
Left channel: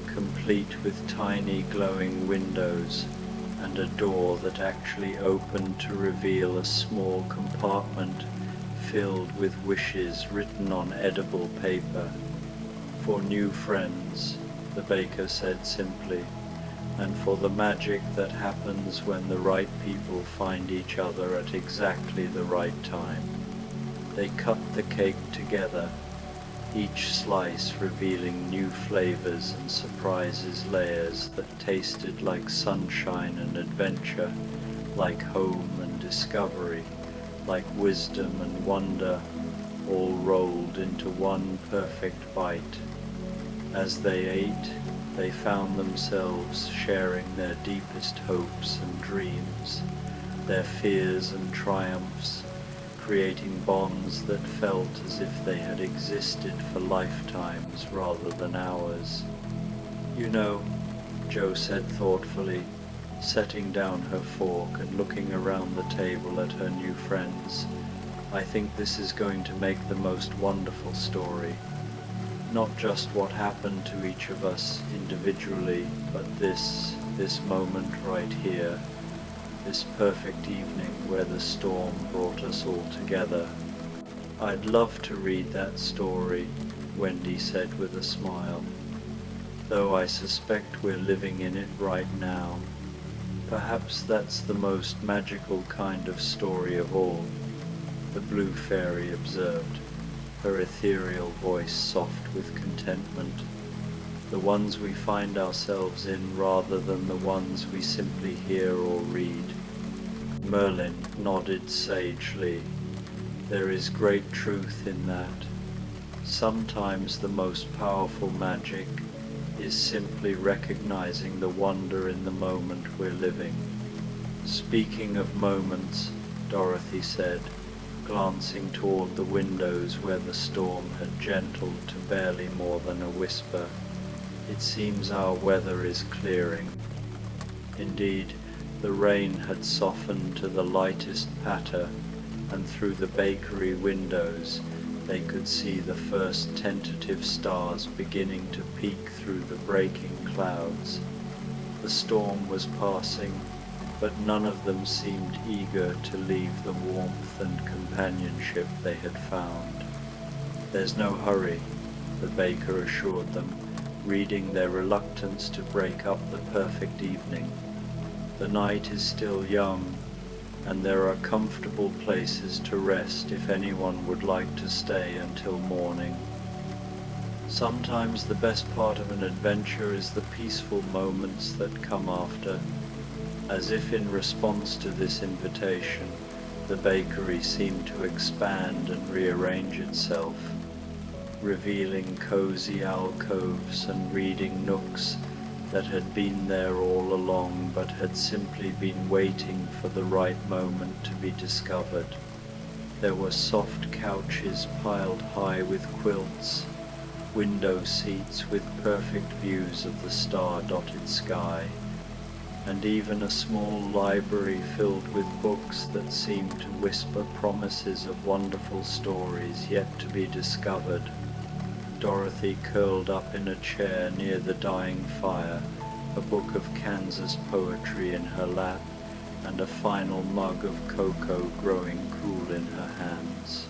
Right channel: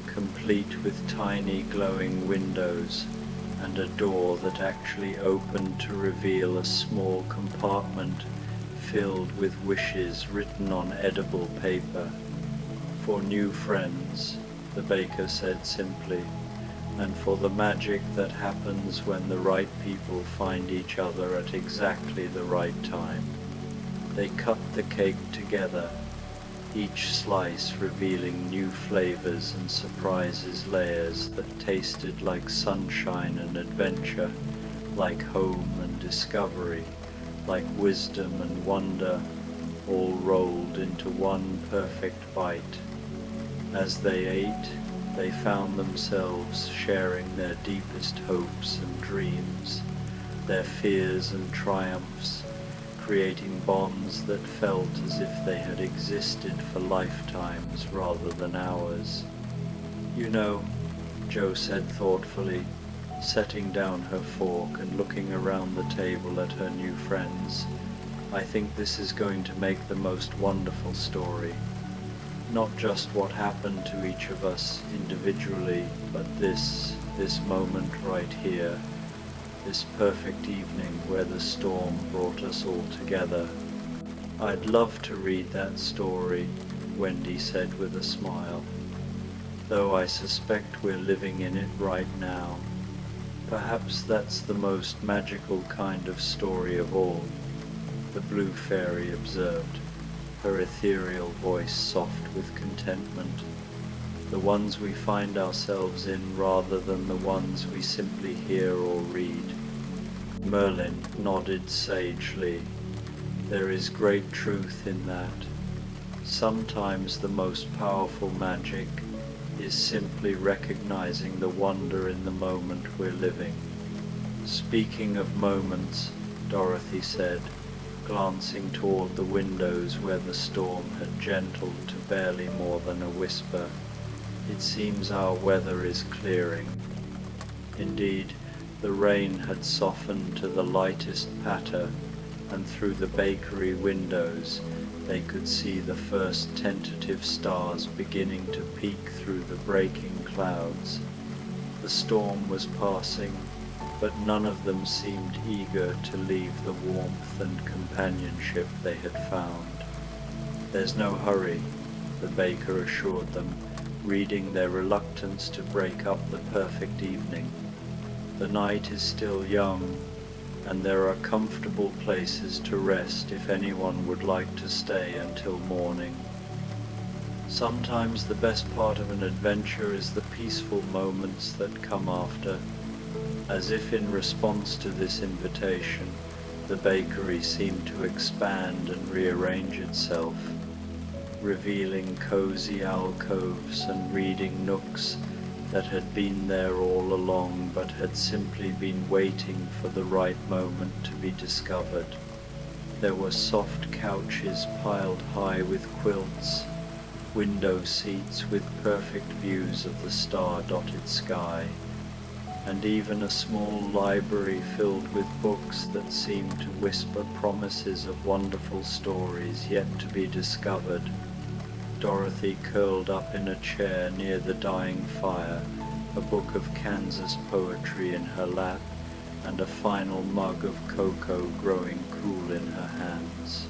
complete with tiny glowing windows and a door that actually opened to reveal a small compartment filled with wishes written on edible paper. For new friends, the baker said simply, and for the magic that happens when the right people find each other at exactly the right time. They cut the cake together, each slice revealing new flavors and surprises layers that tasted like sunshine and adventure, like home and discovery, like wisdom and wonder, all rolled into one perfect bite. As they ate, they found themselves sharing their deepest hopes and dreams, their fears and triumphs, creating bonds that felt as if they had existed for lifetimes rather than hours. "You know," Jo said thoughtfully, setting down her fork and looking around the table at her new friends, "I think this is going to make the most wonderful story. Not just what happened to each of us individually, but this moment right here, this perfect evening where the storm brought us all together." "I'd love to read that story," Wendy said with a smile, "though I suspect we're living in it right now. Perhaps that's the most magical kind of story of all," the blue fairy observed, her ethereal voice soft with contentment. "The ones we find ourselves in rather than the ones we simply hear or read." Merlin nodded sagely. "There is great truth in that. Sometimes the most powerful magic is simply recognizing the wonder in the moment we're living." "Speaking of moments," Dorothy said, glancing toward the windows where the storm had gentled to barely more than a whisper, "it seems our weather is clearing." Indeed, the rain had softened to the lightest patter, and through the bakery windows they could see the first tentative stars beginning to peek through the breaking clouds. The storm was passing, but none of them seemed eager to leave the warmth and companionship they had found. "There's no hurry," the baker assured them, reading their reluctance to break up the perfect evening. "The night is still young, and there are comfortable places to rest if anyone would like to stay until morning." Sometimes the best part of an adventure is the peaceful moments that come after. As if in response to this invitation, the bakery seemed to expand and rearrange itself, revealing cozy alcoves and reading nooks that had been there all along but had simply been waiting for the right moment to be discovered. There were soft couches piled high with quilts, window seats with perfect views of the star-dotted sky, and even a small library filled with books that seemed to whisper promises of wonderful stories yet to be discovered. Dorothy curled up in a chair near the dying fire, a book of Kansas poetry in her lap, and a final mug of cocoa growing cool in her hands.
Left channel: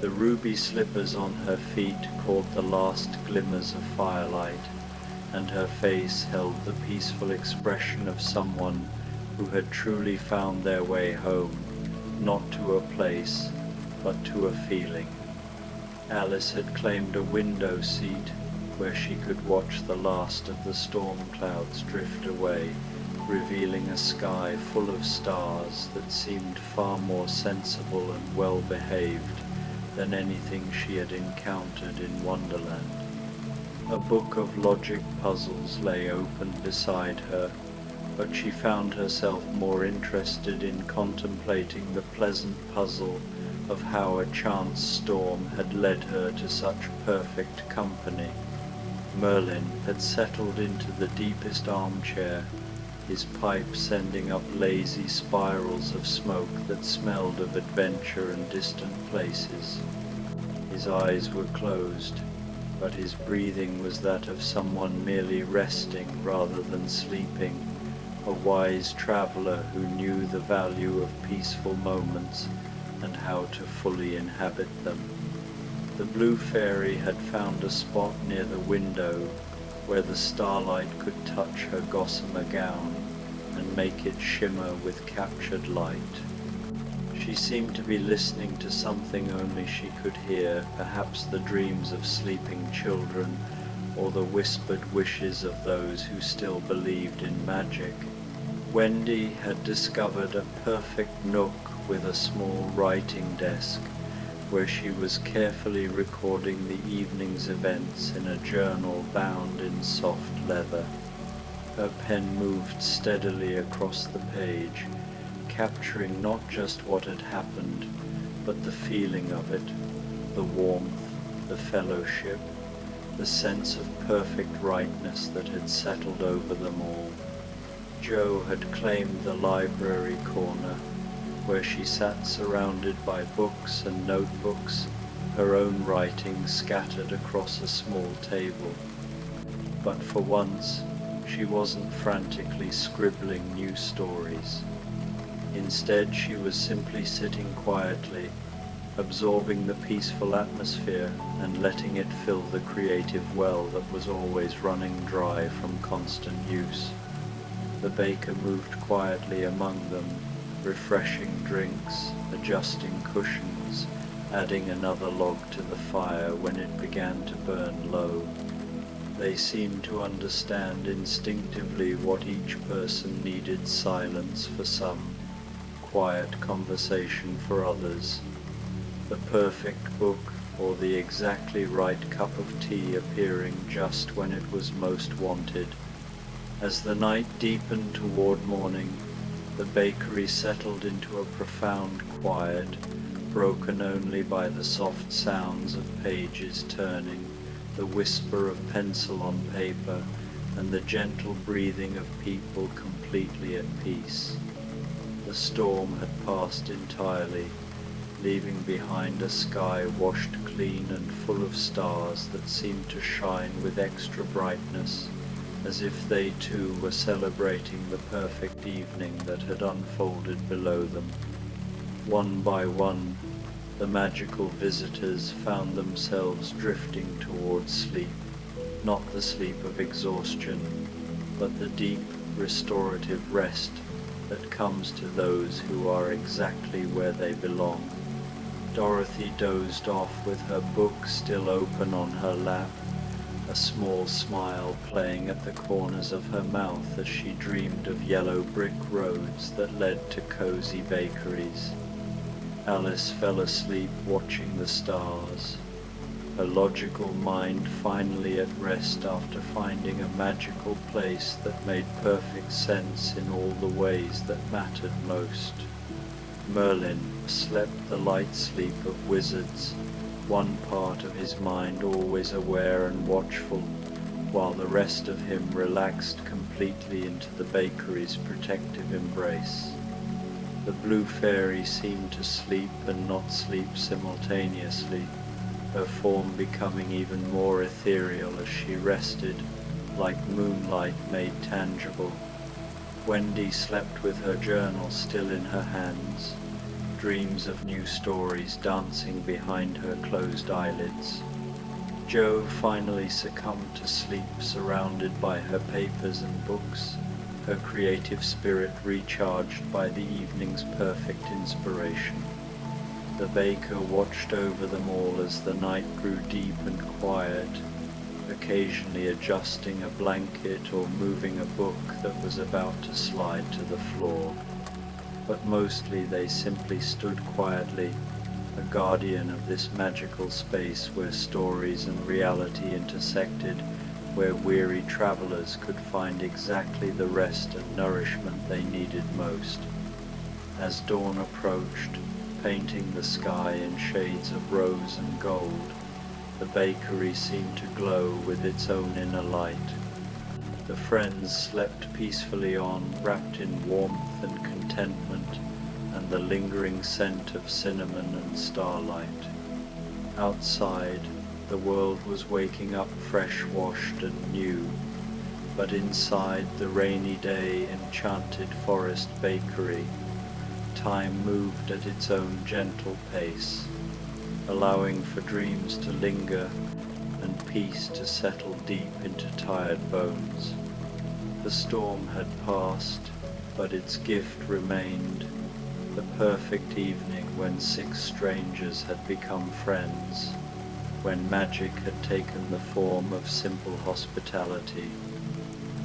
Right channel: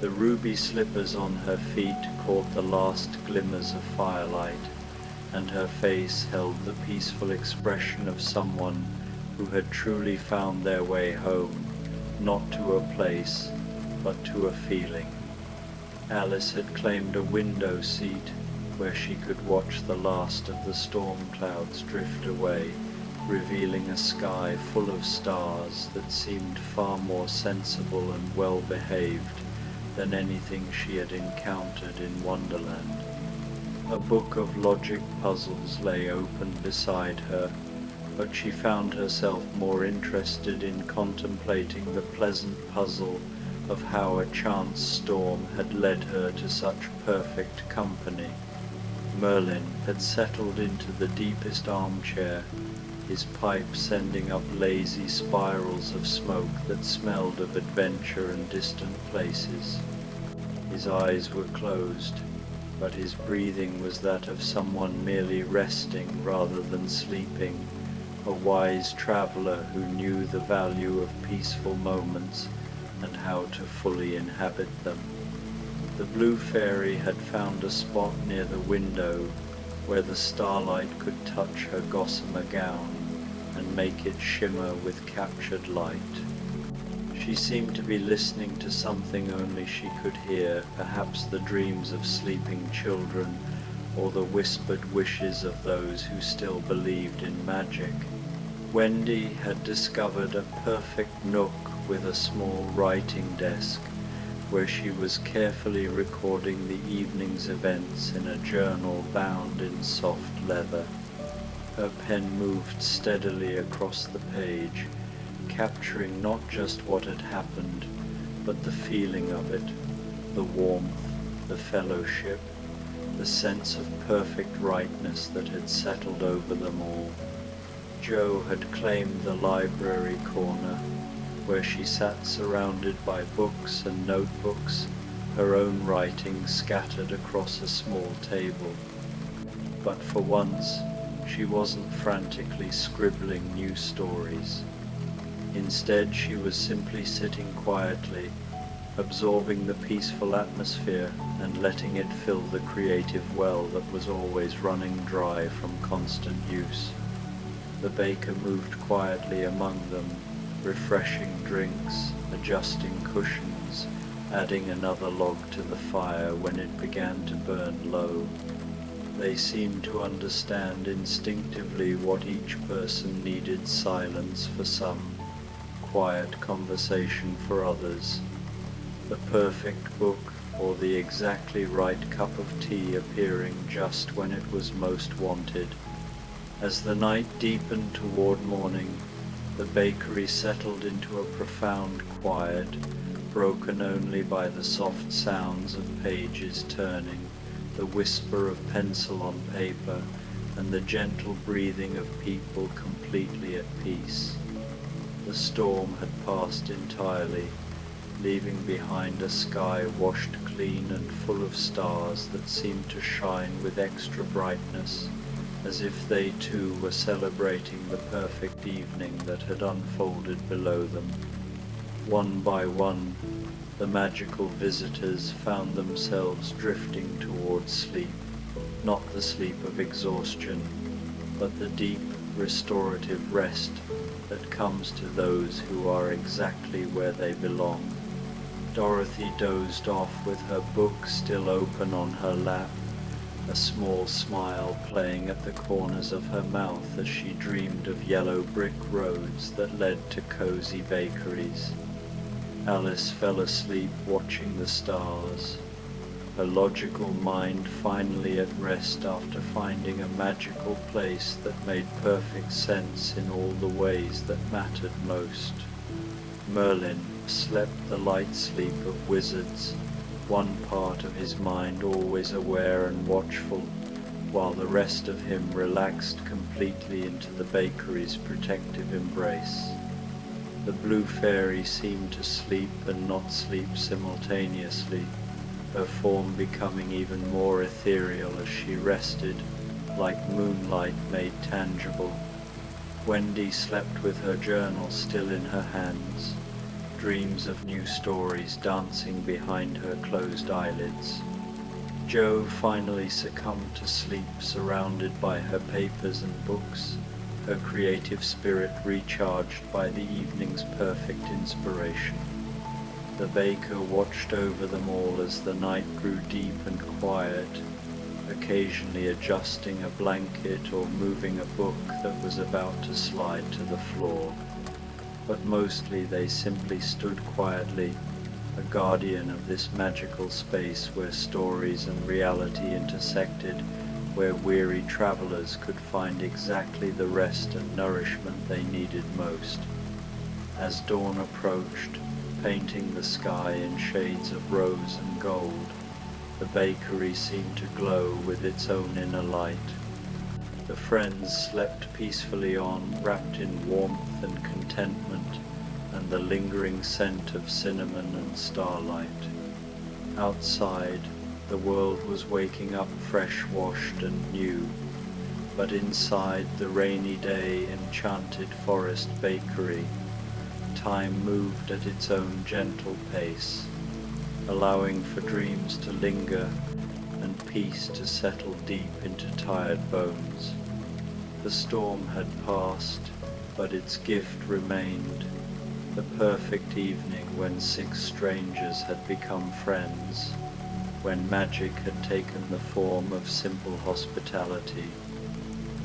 The ruby slippers on her feet caught the last glimmers of firelight, and her face held the peaceful expression of someone who had truly found their way home, not to a place, but to a feeling. Alice had claimed a window seat where she could watch the last of the storm clouds drift away, revealing a sky full of stars that seemed far more sensible and well-behaved than anything she had encountered in Wonderland. A book of logic puzzles lay open beside her, but she found herself more interested in contemplating the pleasant puzzle of how a chance storm had led her to such perfect company. Merlin had settled into the deepest armchair, his pipe sending up lazy spirals of smoke that smelled of adventure and distant places. His eyes were closed, but his breathing was that of someone merely resting rather than sleeping, a wise traveler who knew the value of peaceful moments and how to fully inhabit them. The blue fairy had found a spot near the window where the starlight could touch her gossamer gown and make it shimmer with captured light. She seemed to be listening to something only she could hear, perhaps the dreams of sleeping children or the whispered wishes of those who still believed in magic. Wendy had discovered a perfect nook with a small writing desk where she was carefully recording the evening's events in a journal bound in soft leather. Her pen moved steadily across the page, capturing not just what had happened, but the feeling of it, the warmth, the fellowship, the sense of perfect rightness that had settled over them all. Jo had claimed the library corner, where she sat surrounded by books and notebooks, her own writing scattered across a small table. But for once, she wasn't frantically scribbling new stories. Instead, she was simply sitting quietly, absorbing the peaceful atmosphere and letting it fill the creative well that was always running dry from constant use. The baker moved quietly among them, refreshing drinks, adjusting cushions, adding another log to the fire when it began to burn low. They seemed to understand instinctively what each person needed: silence for some, quiet conversation for others, the perfect book or the exactly right cup of tea appearing just when it was most wanted. As the night deepened toward morning, the bakery settled into a profound quiet, broken only by the soft sounds of pages turning, the whisper of pencil on paper, and the gentle breathing of people completely at peace. The storm had passed entirely, leaving behind a sky washed clean and full of stars that seemed to shine with extra brightness, as if they too were celebrating the perfect evening that had unfolded below them. One by one, the magical visitors found themselves drifting towards sleep, not the sleep of exhaustion, but the deep, restorative rest that comes to those who are exactly where they belong. Dorothy dozed off with her book still open on her lap, a small smile playing at the corners of her mouth as she dreamed of yellow brick roads that led to cozy bakeries. Alice fell asleep watching the stars, her logical mind finally at rest after finding a magical place that made perfect sense in all the ways that mattered most. Merlin slept the light sleep of wizards, one part of his mind always aware and watchful, while the rest of him relaxed completely into the bakery's protective embrace. The blue fairy seemed to sleep and not sleep simultaneously, her form becoming even more ethereal as she rested, like moonlight made tangible. Wendy slept with her journal still in her hands, dreams of new stories dancing behind her closed eyelids. Jo finally succumbed to sleep surrounded by her papers and books, her creative spirit recharged by the evening's perfect inspiration. The baker watched over them all as the night grew deep and quiet, occasionally adjusting a blanket or moving a book that was about to slide to the floor. But mostly they simply stood quietly, a guardian of this magical space where stories and reality intersected, where weary travelers could find exactly the rest and nourishment they needed most. As dawn approached, painting the sky in shades of rose and gold. The bakery seemed to glow with its own inner light. The friends slept peacefully on, wrapped in warmth and contentment and the lingering scent of cinnamon and starlight. Outside, the world was waking up fresh-washed and new, but inside the rainy day enchanted forest bakery, time moved at its own gentle pace, allowing for dreams to linger and peace to settle deep into tired bones. The storm had passed, but its gift remained, the perfect evening when 6 strangers had become friends, when magic had taken the form of simple hospitality,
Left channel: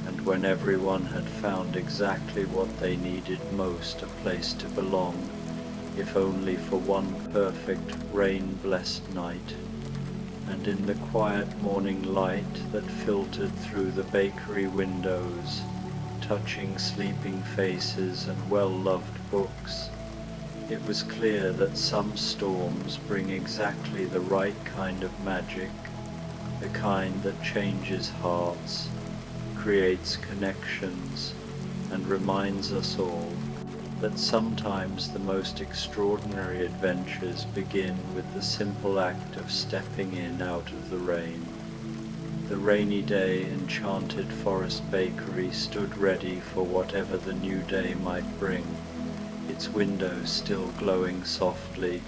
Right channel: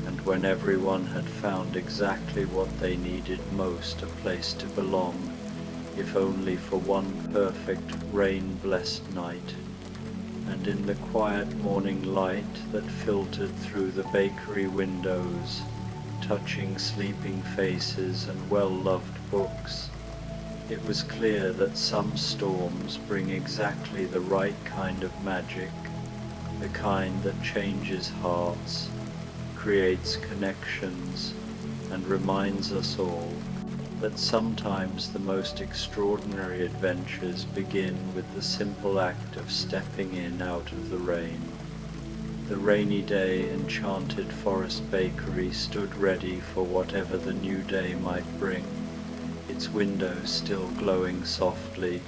and when everyone had found exactly what they needed most, a place to belong, if only for one perfect rain-blessed night. And in the quiet morning light that filtered through the bakery windows, touching sleeping faces and well-loved books, it was clear that some storms bring exactly the right kind of magic, the kind that changes hearts, creates connections, and reminds us all that sometimes the most extraordinary adventures begin with the simple act of stepping in out of the rain. The rainy day enchanted forest bakery stood ready for whatever the new day might bring, its windows still glowing softly,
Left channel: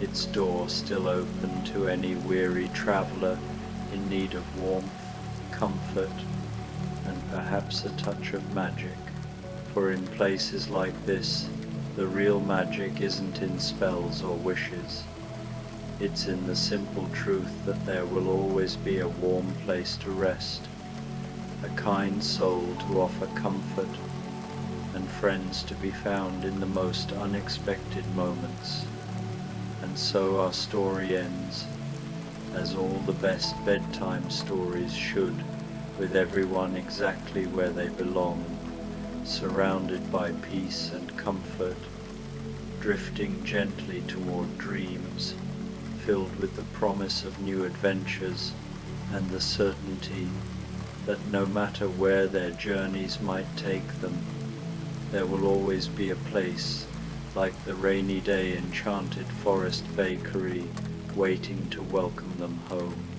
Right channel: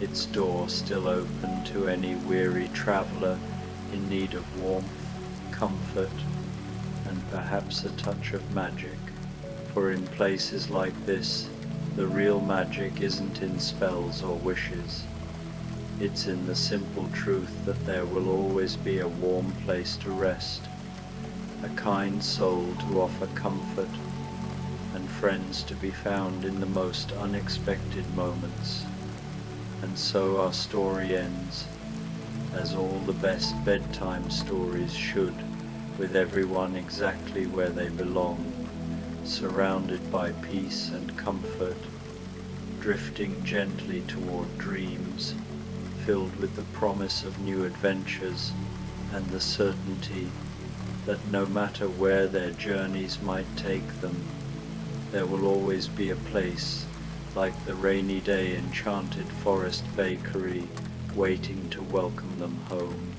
its door still open to any weary traveller in need of warmth, comfort, and perhaps a touch of magic. For in places like this, the real magic isn't in spells or wishes. It's in the simple truth that there will always be a warm place to rest, a kind soul to offer comfort, and friends to be found in the most unexpected moments. And so our story ends, as all the best bedtime stories should, with everyone exactly where they belong, surrounded by peace and comfort, drifting gently toward dreams, filled with the promise of new adventures and the certainty that no matter where their journeys might take them, there will always be a place like the rainy day enchanted forest bakery waiting to welcome them home.